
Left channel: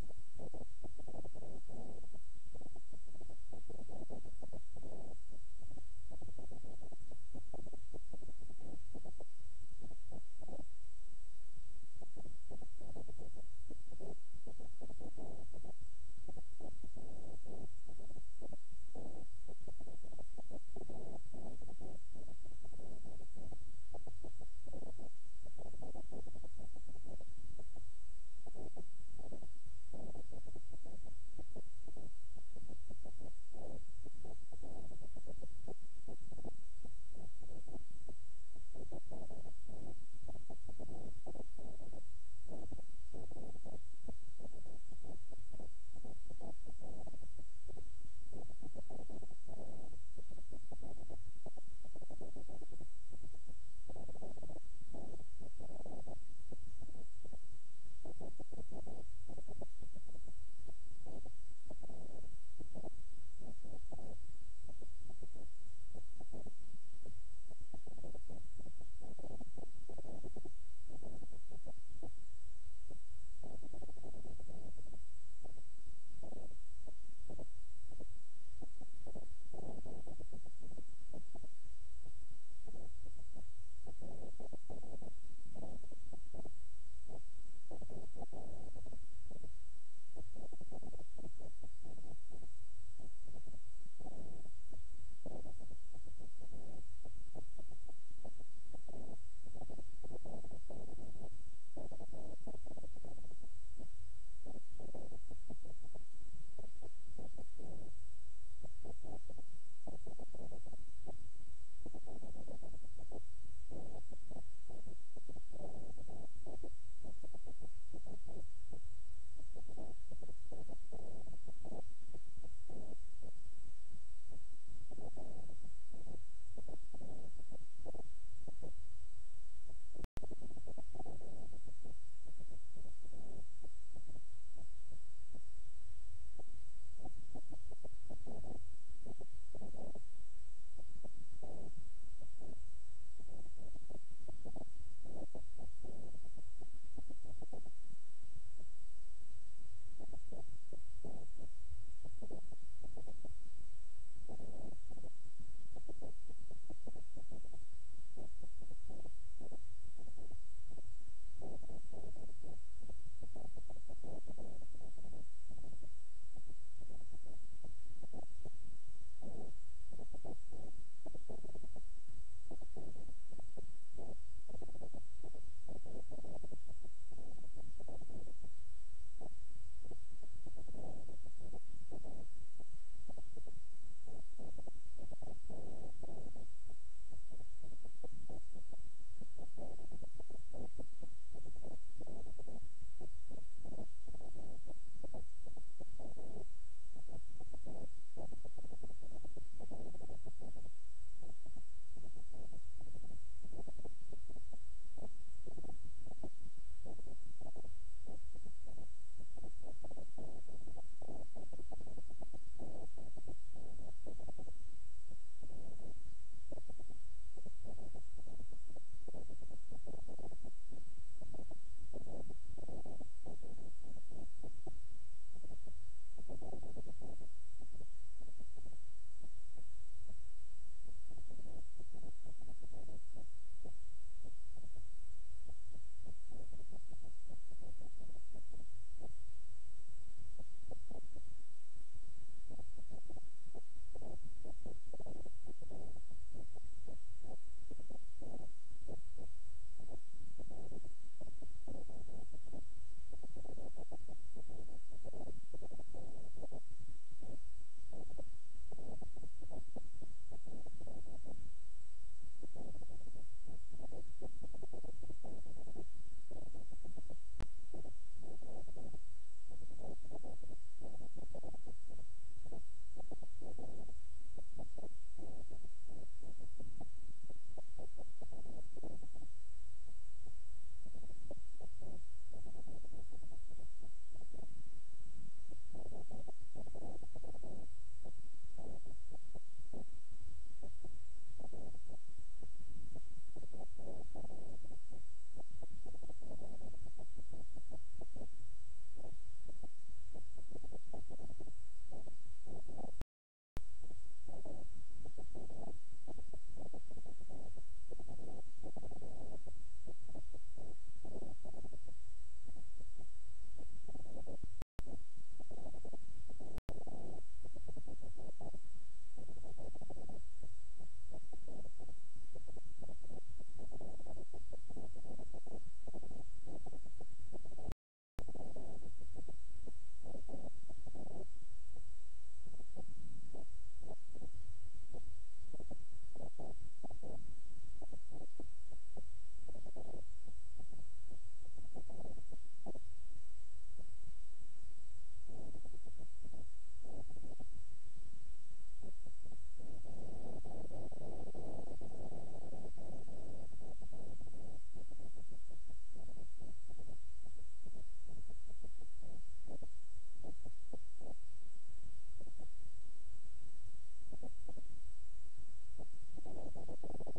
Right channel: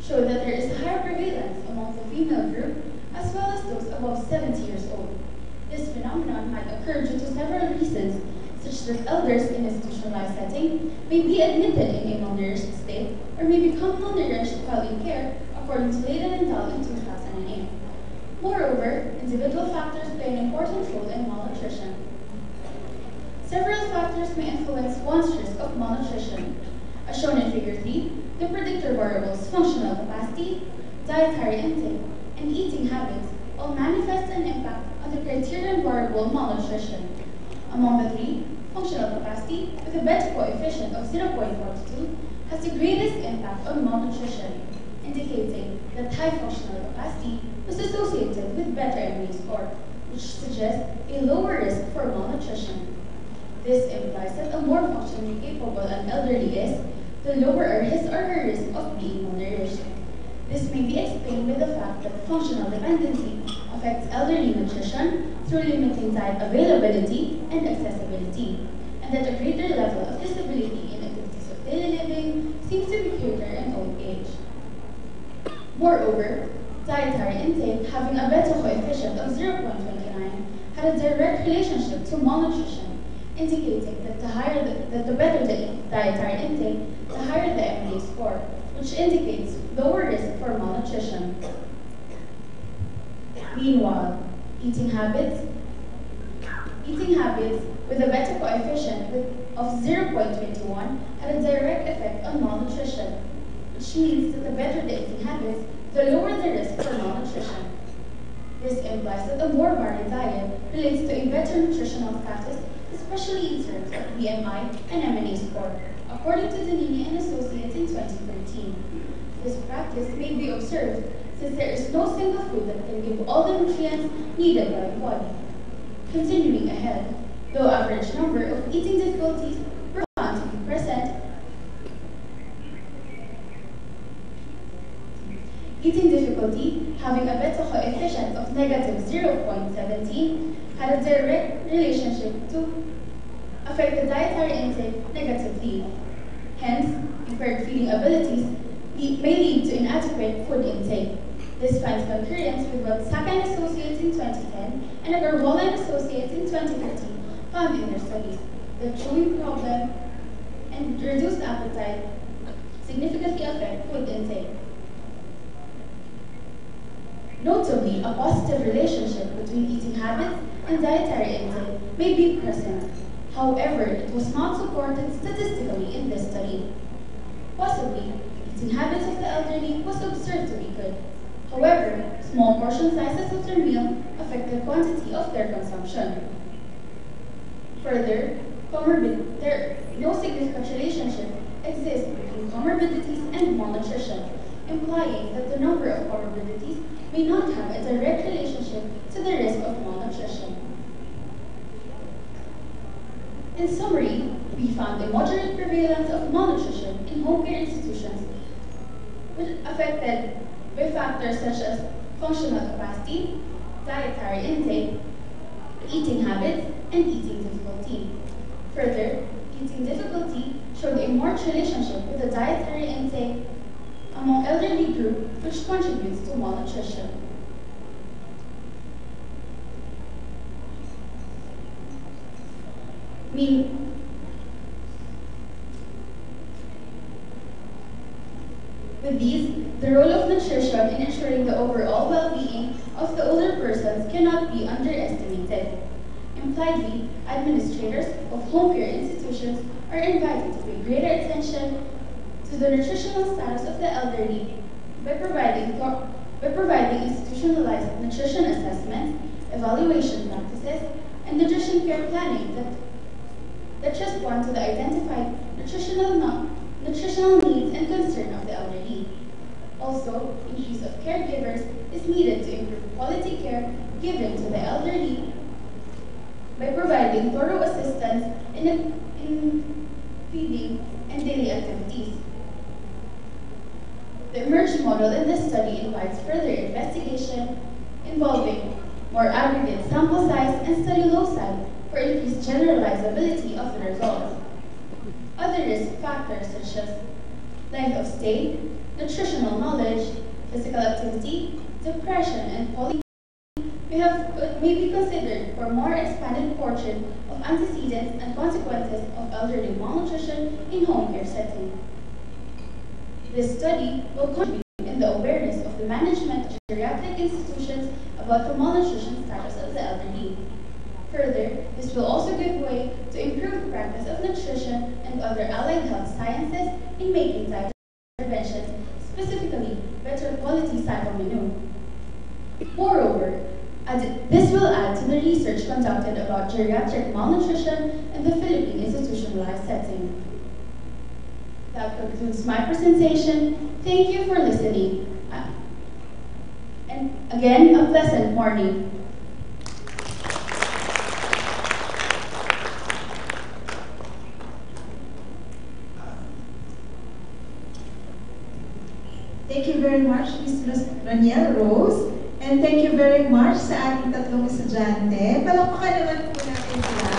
show that there is a higher prevalence among the female group as well as those above 70 years old. This phenomenon might occur due to several reasons, such that elders in institutionalized setting may be admitted in a malnourished state or may become malnourished while in care, according to Leyden and Dahl in 2008. Moreover, individual factors play an important role in malnutrition. Several factors may influence one's risk of malnutrition. As shown in Figure 3, the predictor variables functional capacity, dietary intake, and eating habits all manifest an impact on the criterion variable malnutrition. Among the three, functional capacity, with a beta coefficient of 0.42, has the greatest impact on malnutrition, indicating that high functional capacity was associated with better MA score, which suggests a lower risk for malnutrition. This implies that the more functionally capable an elderly is, the lower his or her risk of being malnourished. This may be explained by the fact that functional dependency affects elderly nutrition through limiting diet availability and accessibility, and that a greater level of disability in activities of daily living seems to be greater in old age. Moreover, dietary intake having a beta coefficient of 0.29 had a direct relationship to malnutrition, indicating that the better the dietary intake, the higher the MA score, which indicates lower risk for malnutrition. Meanwhile, eating habits with a beta coefficient of 0.21 had a direct effect on malnutrition, which means that the better the eating habits, the lower the risk for malnutrition. This implies that a more varied diet relates to a better nutritional status, especially in terms of BMI and MNA score, according to Danini and Associates in 2013. This practice may be observed since there is no single food that can give all the nutrients needed by the body. Continuing ahead, though average number of eating difficulties were found to be present, eating difficulty having a beta coefficient of negative 0.17 had a direct relationship to affect the dietary intake negatively. Hence, impaired feeding abilities may lead to inadequate food intake. This finds concurrence with what Saka and Associates in 2010 and Agarwala and Associates in 2013 found in their studies. The chewing problem and reduced appetite significantly affect food intake. Notably, a positive relationship between eating habits and dietary intake may be present. However, it was not supported statistically in this study. Possibly, eating habits of the elderly was observed to be good. However, small portion sizes of their meal affect the quantity of their consumption. Further, no significant relationship exists between comorbidities and malnutrition, implying that the number of comorbidities may not have a direct relationship to the risk of malnutrition. In summary, we found a moderate prevalence of malnutrition in home care institutions, which affected by factors such as functional capacity, dietary intake, eating habits, and eating difficulty. Further, eating difficulty showed a marked relationship with the dietary intake among elderly group, which contributes to malnutrition. With these, The role of nutrition in ensuring the overall well-being of the older persons cannot be underestimated. Impliedly, administrators of home care institutions are invited to pay greater attention to the nutritional status of the elderly by providing institutionalized nutrition assessments, evaluation practices, and nutrition care planning that respond to the identified nutritional needs and concerns of the elderly. Also, increase of caregivers is needed to improve quality care given to the elderly by providing thorough assistance in feeding and daily activities. The emerged model in this study invites further investigation involving more aggregate sample size and study loci for increased generalizability of the results. Other risk factors such as length of stay, nutritional knowledge, physical activity, depression, and poly may be considered for more expanded portion of antecedents and consequences of elderly malnutrition in home care setting. This study will contribute in the awareness of the management of geriatric institutions about the malnutrition status of the elderly. Further, this will also give way to improved practice of nutrition and other allied health sciences in making dietary interventions, specifically better quality cycle menu. Moreover, this will add to the research conducted about geriatric malnutrition in the Philippine institutionalized setting. That concludes my presentation. Thank you for listening. And again, a pleasant morning. Thank you very much, Ms. Raniel Rose. And thank you very much sa ating tatlong estudyante. Palakpakan naman po natin sila.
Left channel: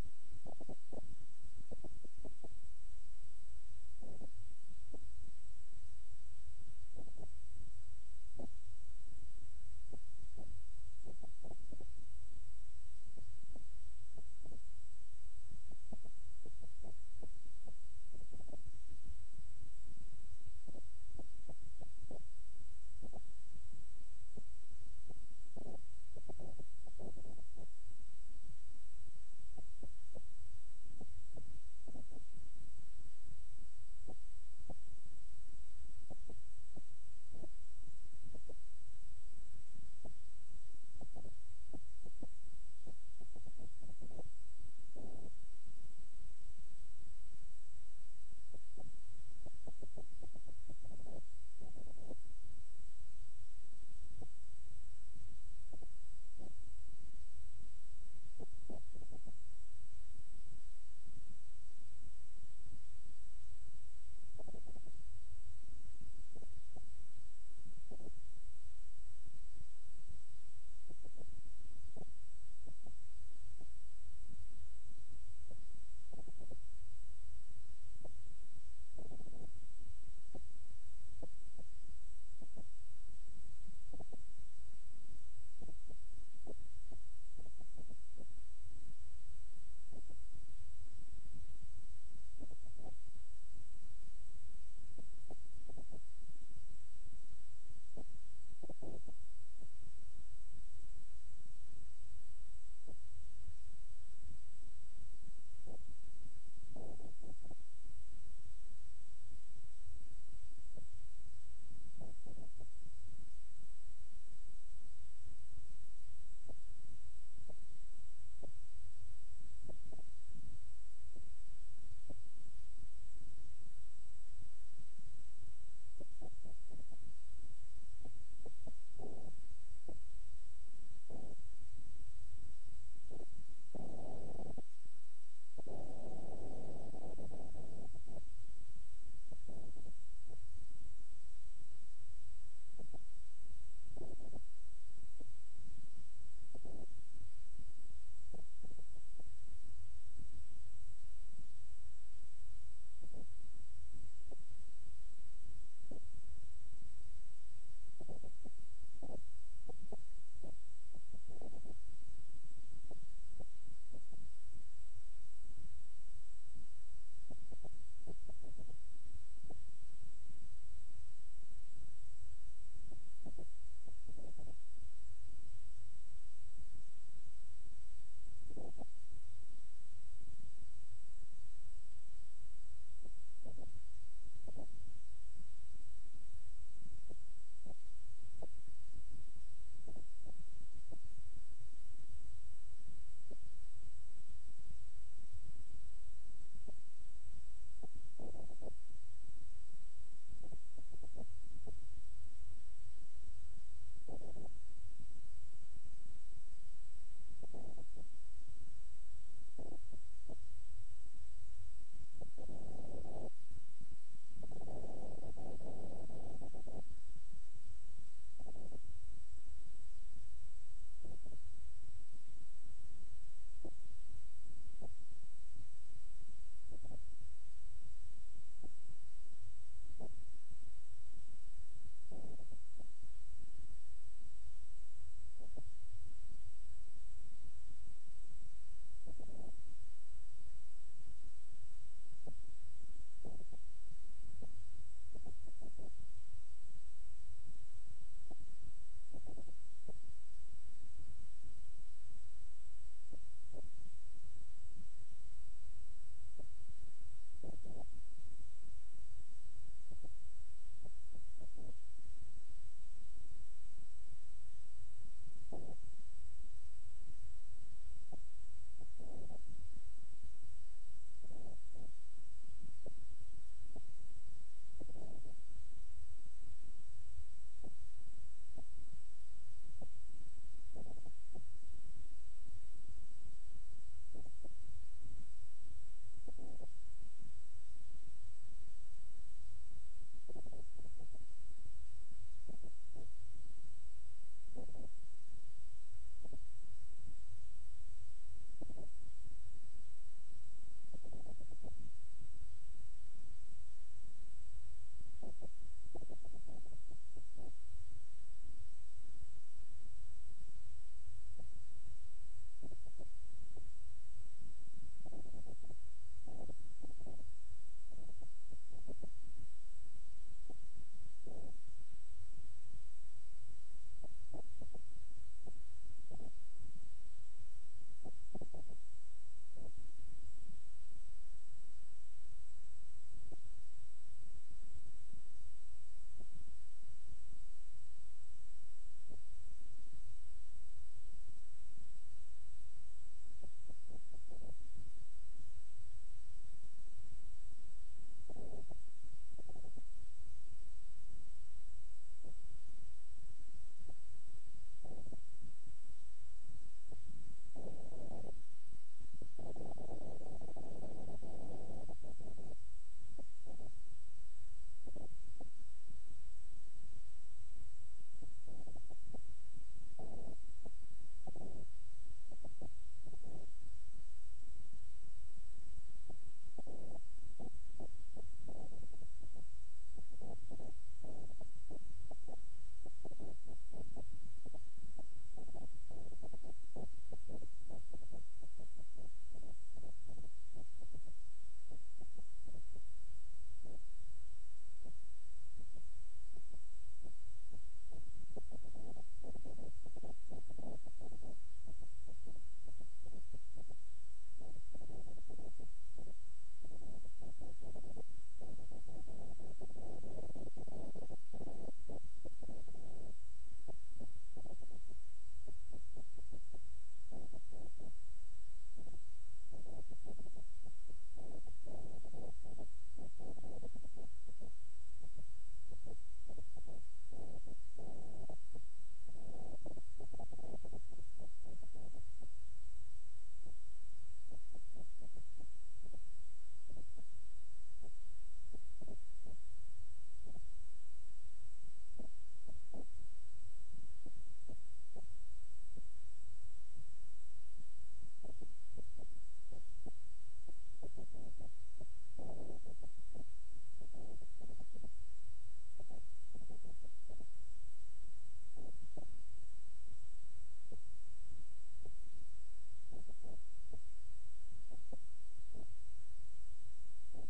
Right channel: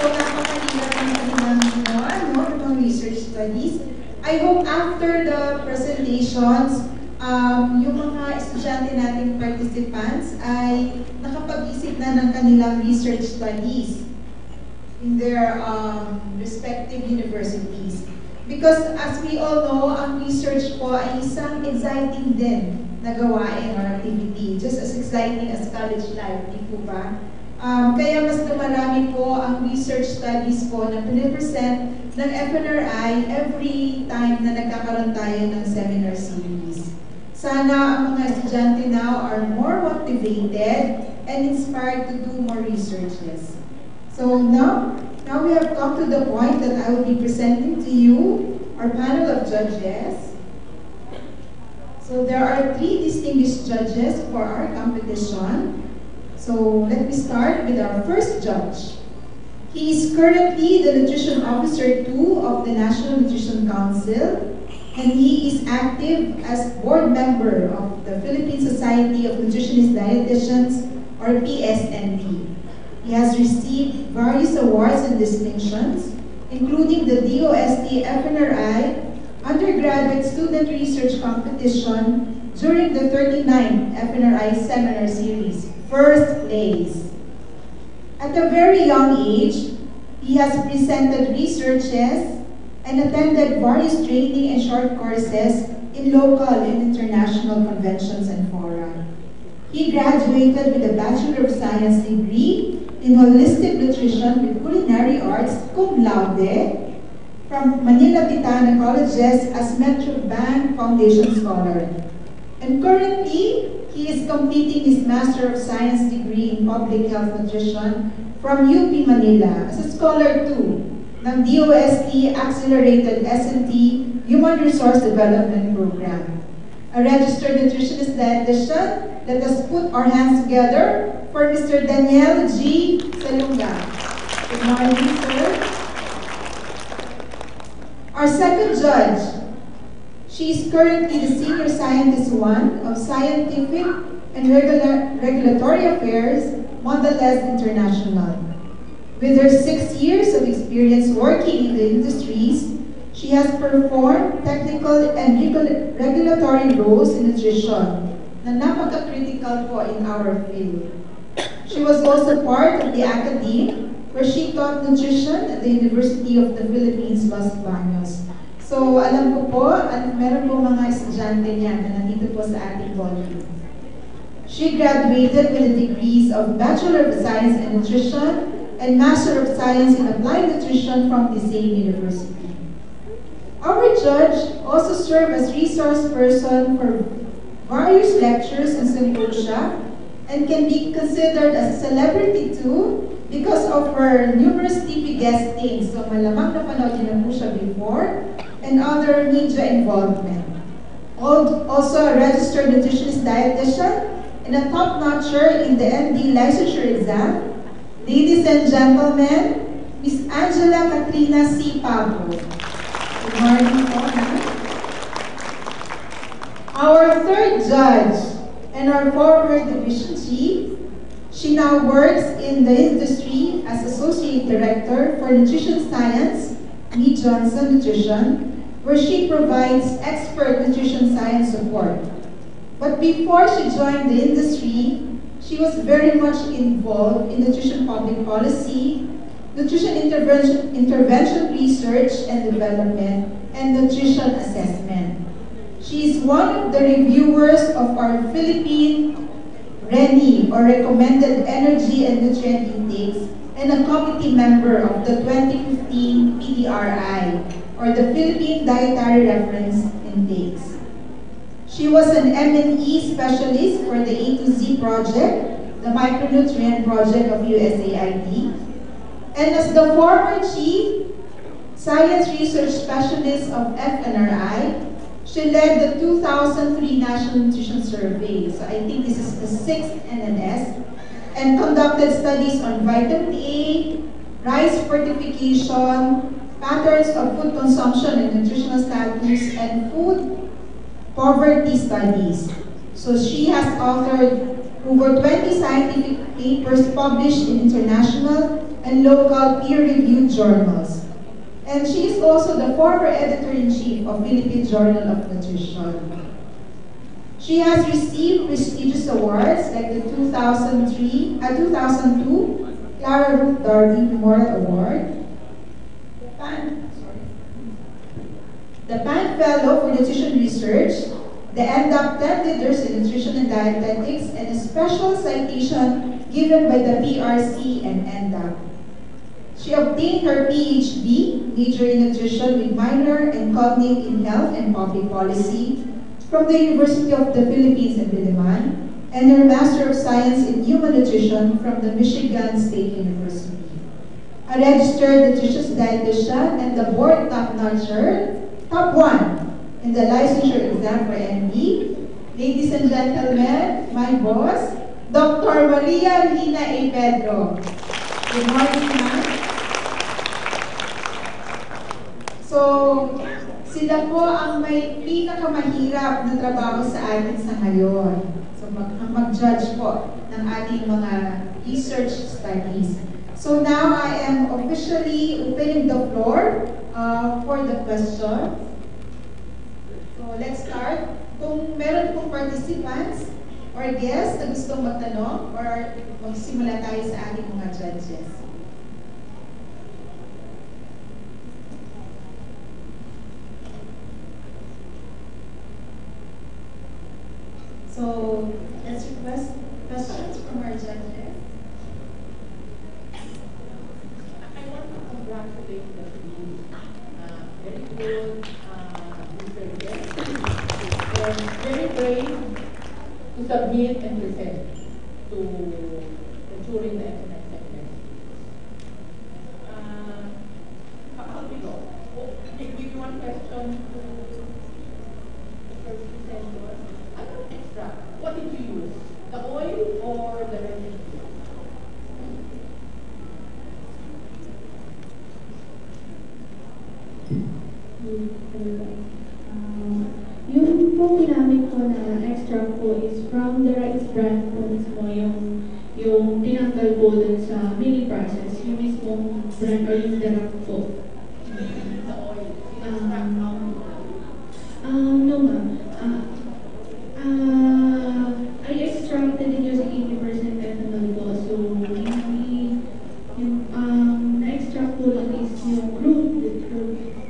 So, napakahirap ng kanilang research studies. I hope after the presentations, yung mga estudyante nating participants ay nakapag-isip na ng kanilang research studies in their respective universities. Because as we all know, ang research po ay isang exciting din na gawain or activity, just as exciting as college life, di po ba? Kaya mas dumarami po ang research studies po na pinipresent ng FNRI every time na nagkakaroon tayo ng seminar series. Sana ang mga estudyante now are more motivated and inspired to do more researches. So now we have come to the point that I will be presenting to you our panel of judges. So there are 3 distinguished judges for our competition. So let me start with our first judge. He is currently the Nutrition Officer 2 of the National Nutrition Council, and he is active as board member of the Philippine Society of Nutritionist Dietitians, or PSND. He has received various awards and distinctions, including the DOST FNRI Undergraduate Student Research Competition during the 39th FNRI Seminar Series, first place. At a very young age, he has presented researches and attended various training and short courses in local and international conventions and fora. He graduated with a Bachelor of Science degree in Holistic Nutrition with Culinary Arts, cum laude, from Manila Titana Colleges as Metro Bank Foundation Scholar. And currently, he is completing his Master of Science degree in Public Health Nutrition from UP Manila as a Scholar 2 ng DOST Accelerated S&T Human Resource Development Program. A registered nutritionist dietitian, let us put our hands together for Mr. Daniel G. Salunga. Good morning, sir. Our second judge, she is currently the Senior Scientist 1 of Scientific and Regulatory Affairs, Mondelez International. With her 6 years of experience working in the industries, she has performed technical and regulatory roles in nutrition na napaka-critical po in our field. She was also part of the academe where she taught nutrition at the University of the Philippines, Los Baños. So, alam ko po, meron po mga estudyante niyan na nandito po sa ating ballroom. She graduated with the degrees of Bachelor of Science in Nutrition and Master of Science in Applied Nutrition from the same university. Our judge also served as resource person for various lectures and symposia and can be considered as a celebrity too because of her numerous TV guestings. So malamang napanood niyo na po siya before and other media involvement. Also a registered nutritionist dietitian and a top-notcher in the MD licensure exam. Ladies and gentlemen, Miss Angela Katrina C. Pablo. Good morning po, ma'am. Our third judge and our former division chief, she now works in the industry as Associate Director for Nutrition Science, Mead Johnson Nutrition, where she provides expert nutrition science support. But before she joined the industry, she was very much involved in nutrition public policy, nutrition intervention research and development, and nutrition assessment. She is one of the reviewers of our Philippine RENI, or Recommended Energy and Nutrient Intakes, and a committee member of the 2015 PDRI, or the Philippine Dietary Reference Intakes. She was an M&E specialist for the A to Z project, the micronutrient project of USAID, and as the former Chief Science Research Specialist of FNRI, she led the 2003 National Nutrition Survey, so I think this is the 6th NNS, and conducted studies on vitamin A, rice fortification, patterns of food consumption and nutritional status, and food poverty studies. So she has authored over 20 scientific papers published in international and local peer-reviewed journals. And she is also the former editor-in-chief of Philippine Journal of Nutrition. She has received prestigious awards like the 2002 Clara Ruth Darby Memorial Award, the PAN Fellow for Nutrition Research, the NDAP 10 Leaders in Nutrition and Dietetics, and a special citation given by the PRC and NDAP. She obtained her PhD, major in nutrition with minor and cognate in health and public policy from the University of the Philippines in Diliman, and her Master of Science in Human Nutrition from the Michigan State University. A registered nutritionist dietitian and the board top-notcher, top 1 in the licensure exam for MD. Ladies and gentlemen, my boss, Dr. Maria Lina A. Pedro. Good morning, ma'am. So, sila po ang may pinakamahirap na trabaho sa atin sa ngayon. So, mag-judge po ng ating mga research studies. So now I am officially opening the floor for the question. So let's start. Kung meron pong participants or guests na gustong magtanong or magsimula tayo sa ating mga judges. So let's request questions from our judges. I want to congratulate the team. Very good researchers and very brave to submit and present to the jury in the FNRI segment. How do you know? Give you one question to the first presenter. Ano extract? What did you use? The oil or the residue? Yung po ginamit ko na extract po is from the rice bran po mismo, yung tinanggal po dun sa milling process, yung mismong bran or yung darak po. The oil. No ma'am. I extracted it using 80% ethanol po. So, na-extract po lang is yung crude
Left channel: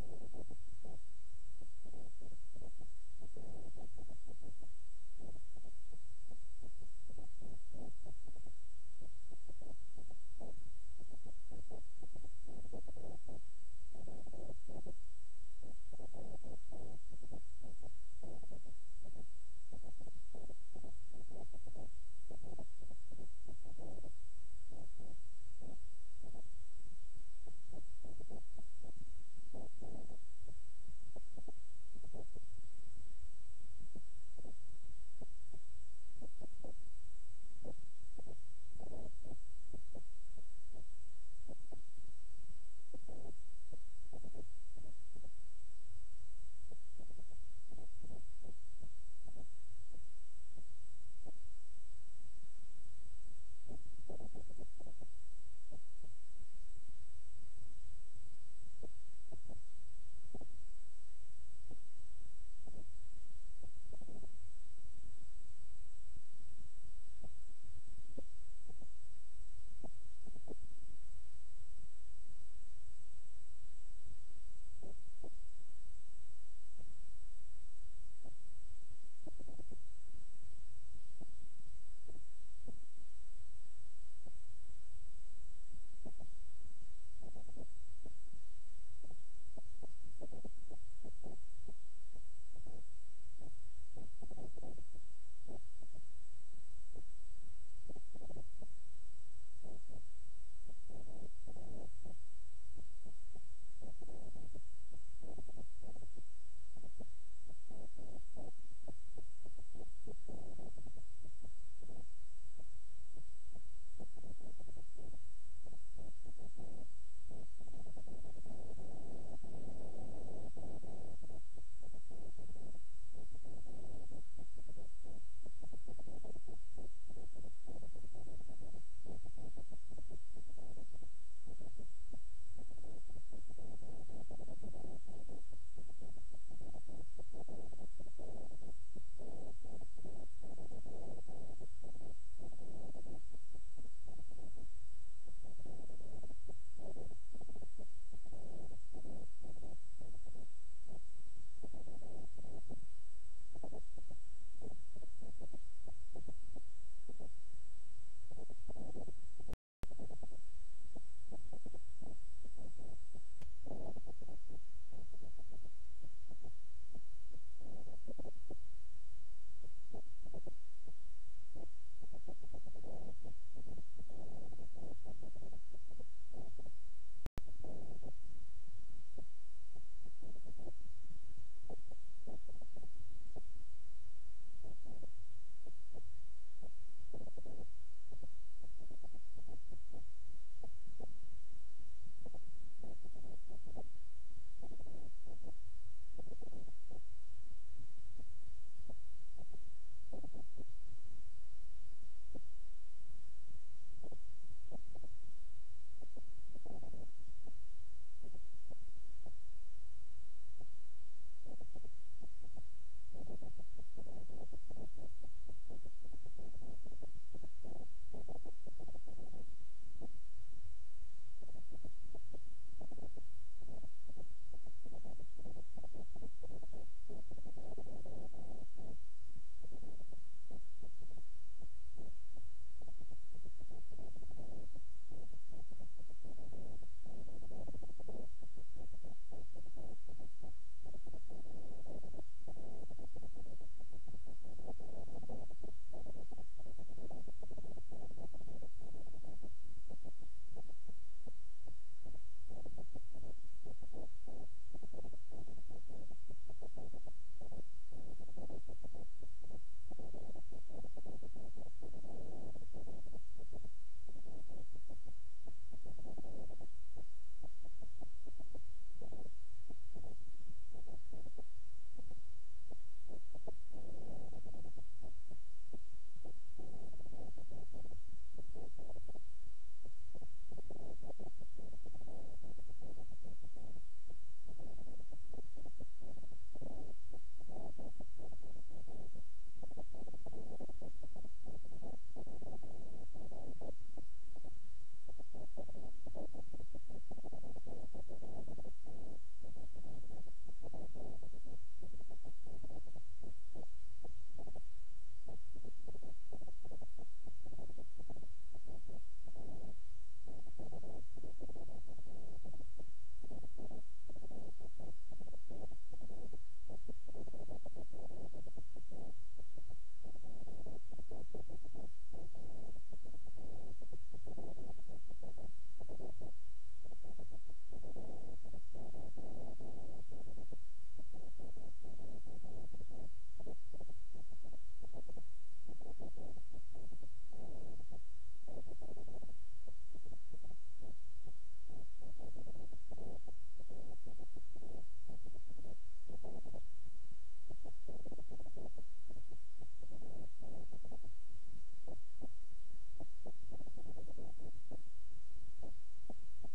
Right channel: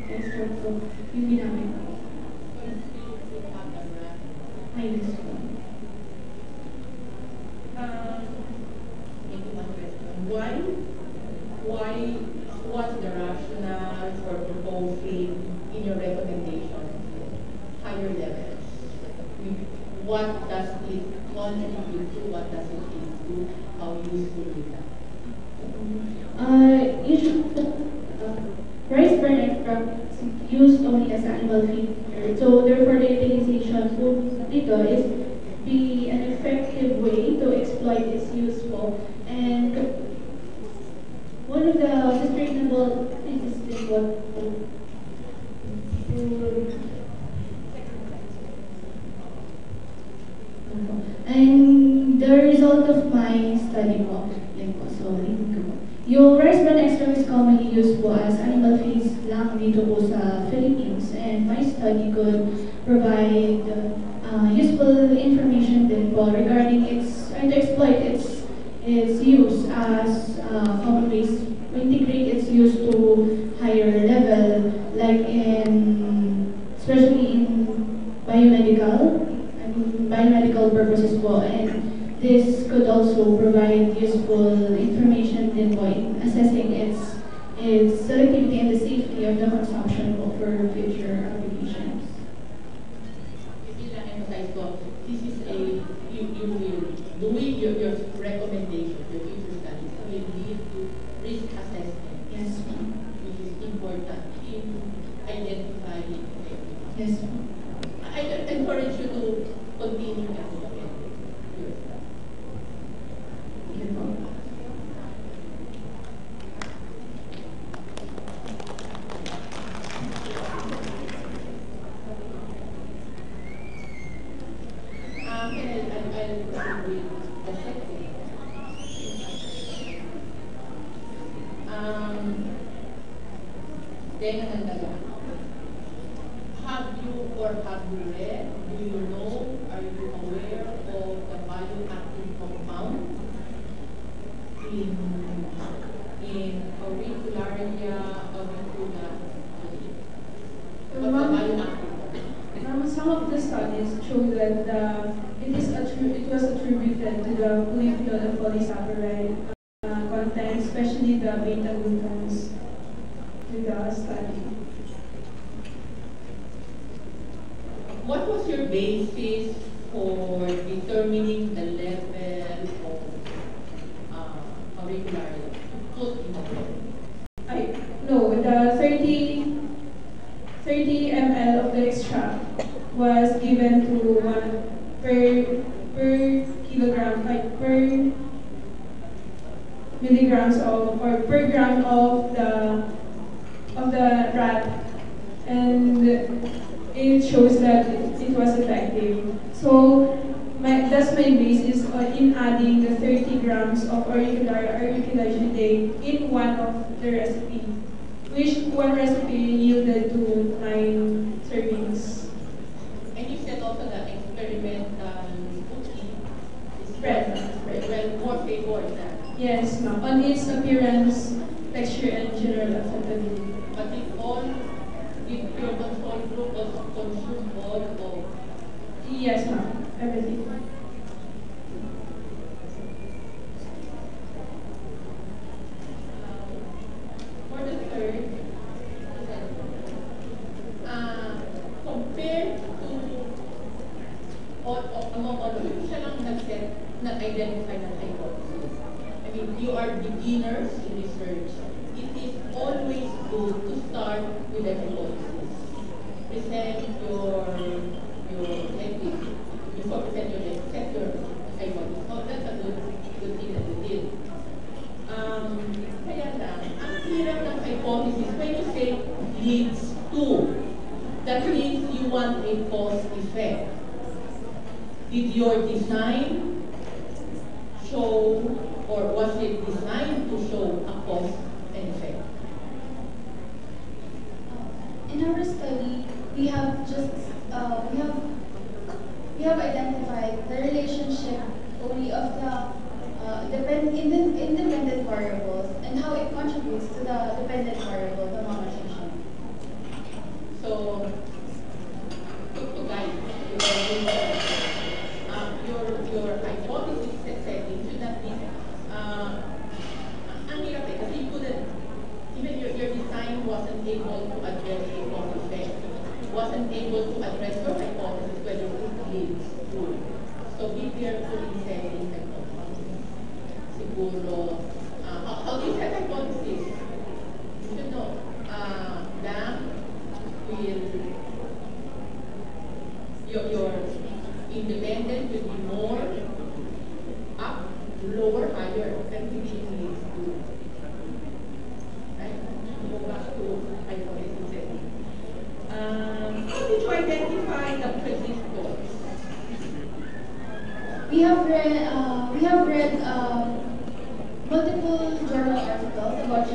extract po. yung ginamit ko. Ay, yes po. Maybe one question. Why, what's the rationale for proposing in your recommendation higher levels? What does it contribute to? What does it include? How useful is that? Rice bran extract is used only as animal feed. So therefore the utilization dito is be an effective way to exploit its useful. And one of the sustainable things is what and the result of my study po, yan po, so hindi ko po. Yung rice bran extract is commonly used po as animal feeds lang dito po sa Philippines, and my study could provide useful information din po regarding its, and to exploit its use as common ways to integrate its use to higher level, like in, especially in biomedical purposes po, and this could also provide useful information din po in assessing its selectivity and the safety of the consumption po for future applications. Maybe lang emphasize ko, this is a, you will, doing your recommendation, your future studies will lead to risk assessment. Yes, ma'am. Which is important in identifying everything. Yes, ma'am. I encourage you to continue your study. Thank you po. Have you read, do you know, are you aware of the bioactive compound in auricularia, auricula? What the bioactive? Some of the studies show that it was attributed to the polyphenol and polysaccharide content, especially the beta-glucans in the study. What was your basis for determining the level of auricularia put in the blood? No, the 30 ml of the extract was given to one per kilogram, like per milligrams of, or per gram of the rat, and it shows that it was effective. So that's my basis in adding the 30 grams of auricular in one of the recipe, which one recipe yielded to 9 servings. And you said also that experimental cooking is Spread. well more favored than. Yes, ma'am. On its appearance, texture, and general acceptability. But if your control group also consume all of. Yes, ma'am. Everything. For the third, compared to among all of you, siya lang nag-identify ng hypothesis. I mean, you are beginners in research. It is always good to start with a hypothesis. Present your ethic. Before present your hypothesis. Oh, that's a good thing that you did. Kaya lang, ang hirap ng hypothesis, when you say leads to, that means you want a cause effect. Did your design show, or was it designed to show a cause and effect? In our study, we have just we have identified the relationship only of the independent variables and how it contributes to the dependent variable, the mononutrition. So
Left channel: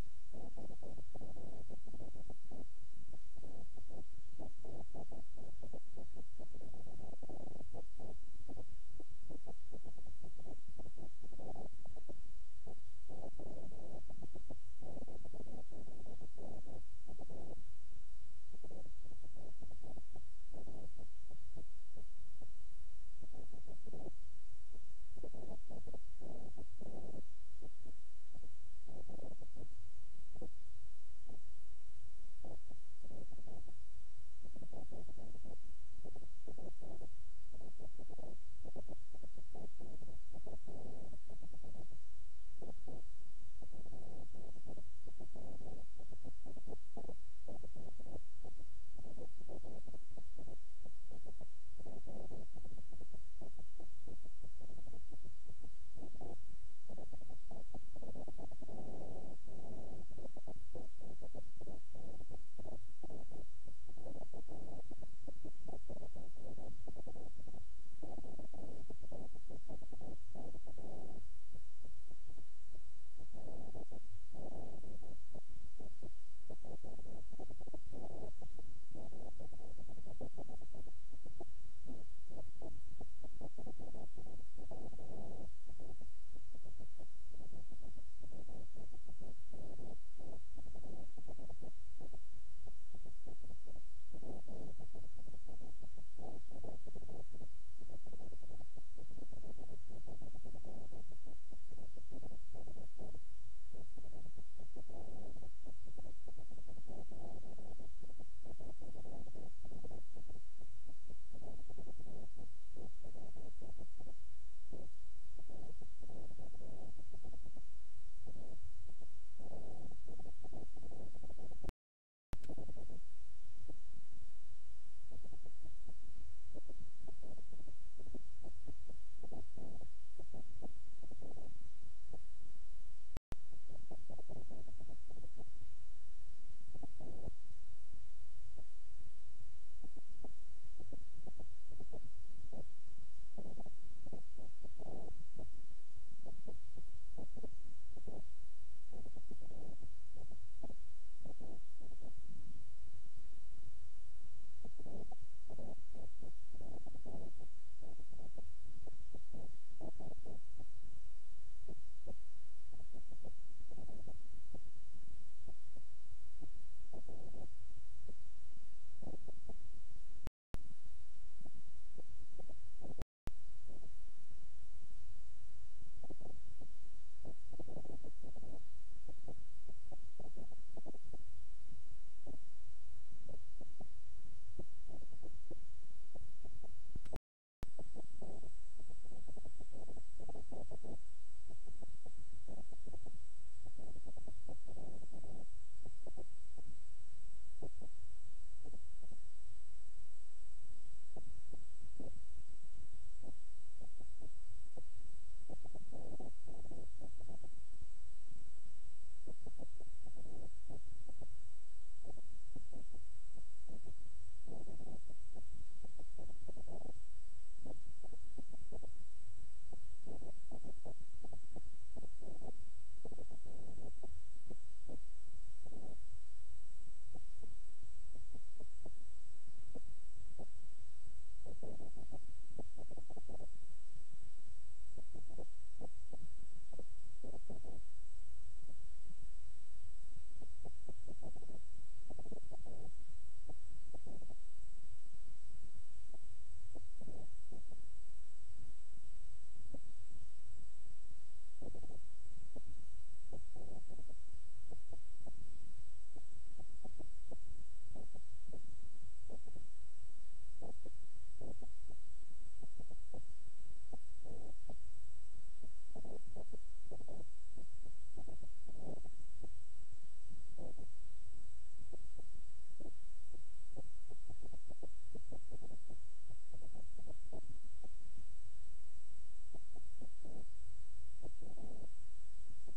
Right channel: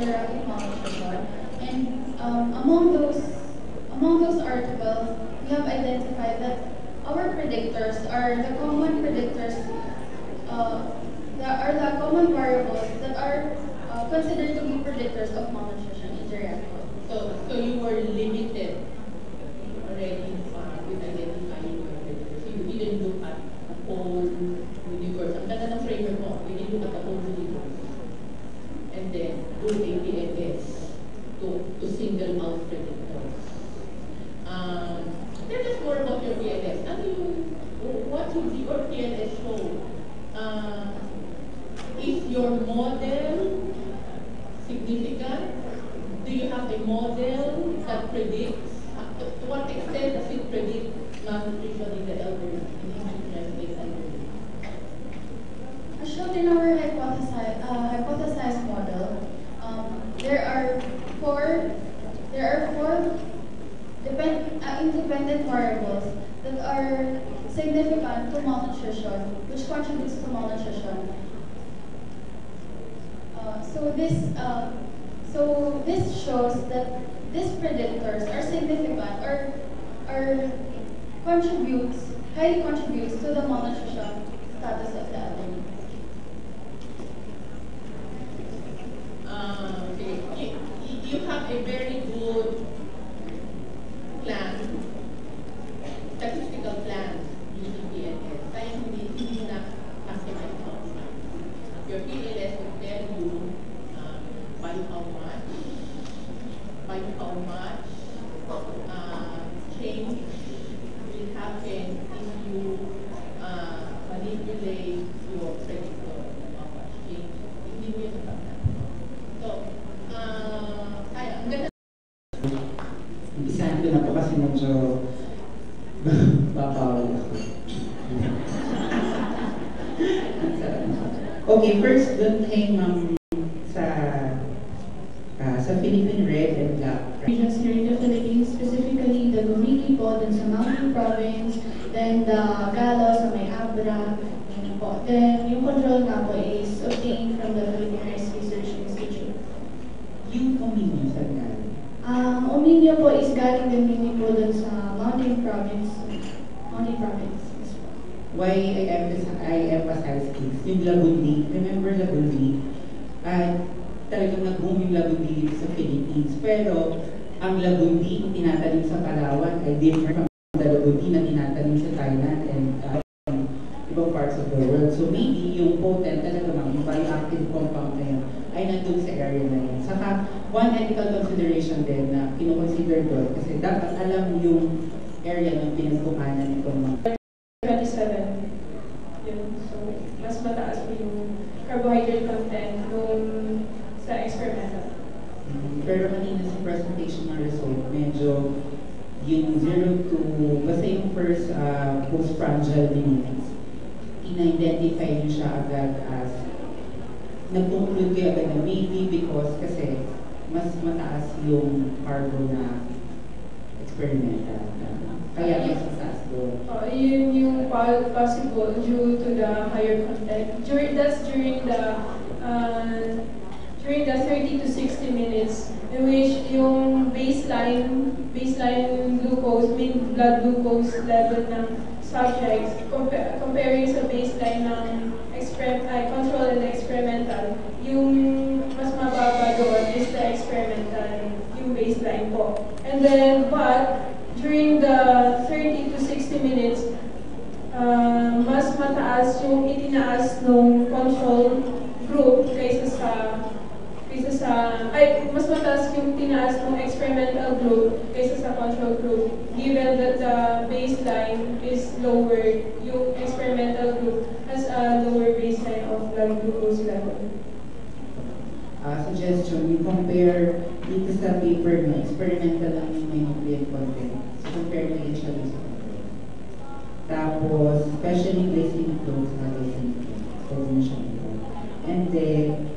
galleric malnutrition. And among those articles, we have identified that our predictors are the common predictors, that are the common variables that are considered to be predictors of malnutrition in the record. So you were limited already with identifying your predictors. So you didn't look at the whole universe. Ang ganda ng framework mo, you didn't look at the whole universe. And then do APLS to single out predictors. Tell us more about your PLS. What would your PLS show? Is your model significant? Do you have a model that predicts? To what extent does it predict malnutrition in the elderly, in institutionalized elderly? As shown in our hypothesized model, there are four independent variables that are significant to malnutrition, which contributes to malnutrition. So this shows that these predictors are significant or highly contributes to the malnutrition status of the elderly. You have a very good plan, statistical plan using PLS. Kaya hindi na customize outcome. Your PLS will tell you by how much change will happen if you manipulate your predictor of how much change. Hindi mo yun natatanda. So, ang ganda. Isahan ko na po kasi medyo babawal ako. Okay, first doon kay ma'am sa Philippine Red and Black Regions here in the Philippines, specifically the Gumiki po, dun sa Mountain Province, then the Galo sa may Abra, yun po. Then yung control nga po is obtained from the Philippine Rice Research Institute. Yung community sa Galo. Ominio po is galing din po dun sa Mountain Province. Mountain Province. Yes po. Why I emphasize this, yung Lagundi, remember Lagundi? Talagang nag-boom yung Lagundi dito sa Philippines. Pero ang Lagundi yung tinatanim sa Palawan ay different from the Lagundi na tinatanim sa Thailand and ibang parts of the world. So maybe yung potent talaga yung bioactive compound na yun ay nandun sa area na yun. Saka one ethical consideration din na kinoconsider doon kasi dapat alam yung area ng pinagkukanan itong mga 27. Yun. So, mas mataas po yung carbohydrate content nung sa experimental. Pero kanina sa presentation ng result, medyo yung 0 to, basta yung first postprandial minutes, in-identify nyo siya agad as, nag-conclude kayo agad na maybe because kasi mas mataas yung carbo na experimental. Kaya mas mataas doon. Yun yung possible due to the higher content. That's during the 30 to 60 minutes in which yung baseline glucose, mean blood glucose level ng subjects comparing sa baseline ng control and experimental, yung mas mababa doon is the experimental, yung baseline po. And then, but during the 30 to 60 minutes, mas mataas yung itinaas ng control group mas mataas yung tinaas ng experimental group kaysa sa control group, given that the baseline is lower, yung experimental group has a lower baseline of blood glucose level. Suggestion, you compare dito sa paper na experimental lang yung may nutrient content. So compare mo yun siya sa control. Tapos, especially glycemic loads na glycemic loads. Pwede mo siya ito. And then,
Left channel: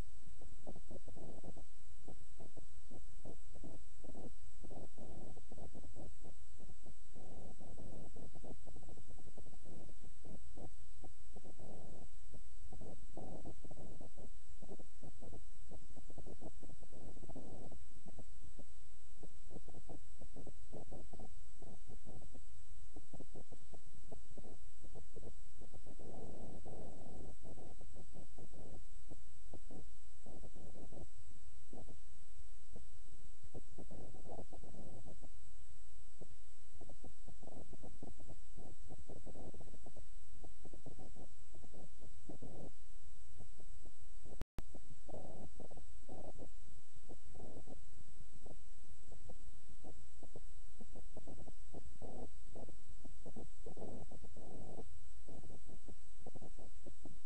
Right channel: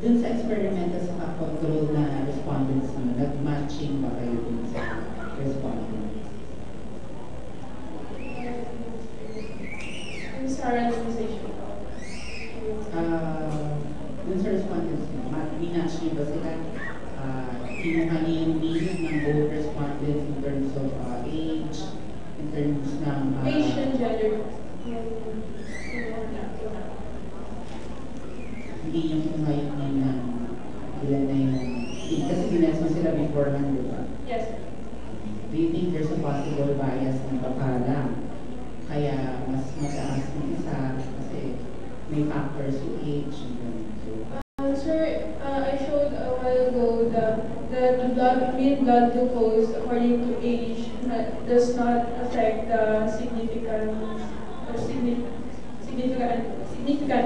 dun sa experimental sa control na respondents na nag-matching ba kayo dun sa respondents? Yung sa randomization po. Dun sa respondents, minatch nyo di ba sila, kinuha niya yung mean ng both respondents in terms of age, in terms ng Asian gender. hindi yung kinuha yung mean ng ilan na yung kasi binasa sila beforehand, di ba? Yes. Do you think there's a possible bias ng papala? Kaya mas mataas ng isa kasi may factors yung age. Sir, I showed a while ago that the mean blood glucose according to age does not affect the significant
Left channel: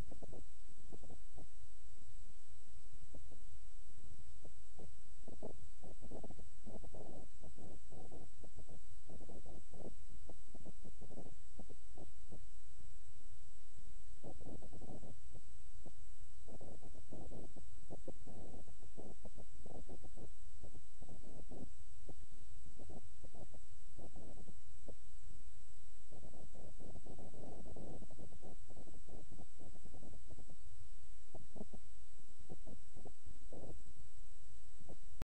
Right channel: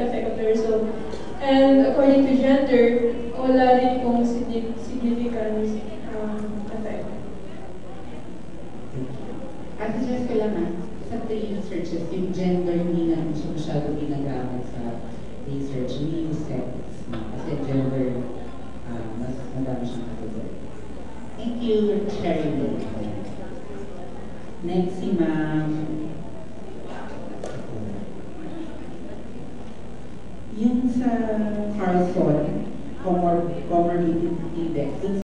effect of the result. And according to gender, wala rin pong significant effect. At just kailangan, sa 3 researches, yung gender hindi na siya masyado ginagamit sa research, hindi yung sex. Kasi gender, mas madami siyang category. Thank you for sharing it. Next, si Ma'am. Yung sa Carlson, comorbidity index,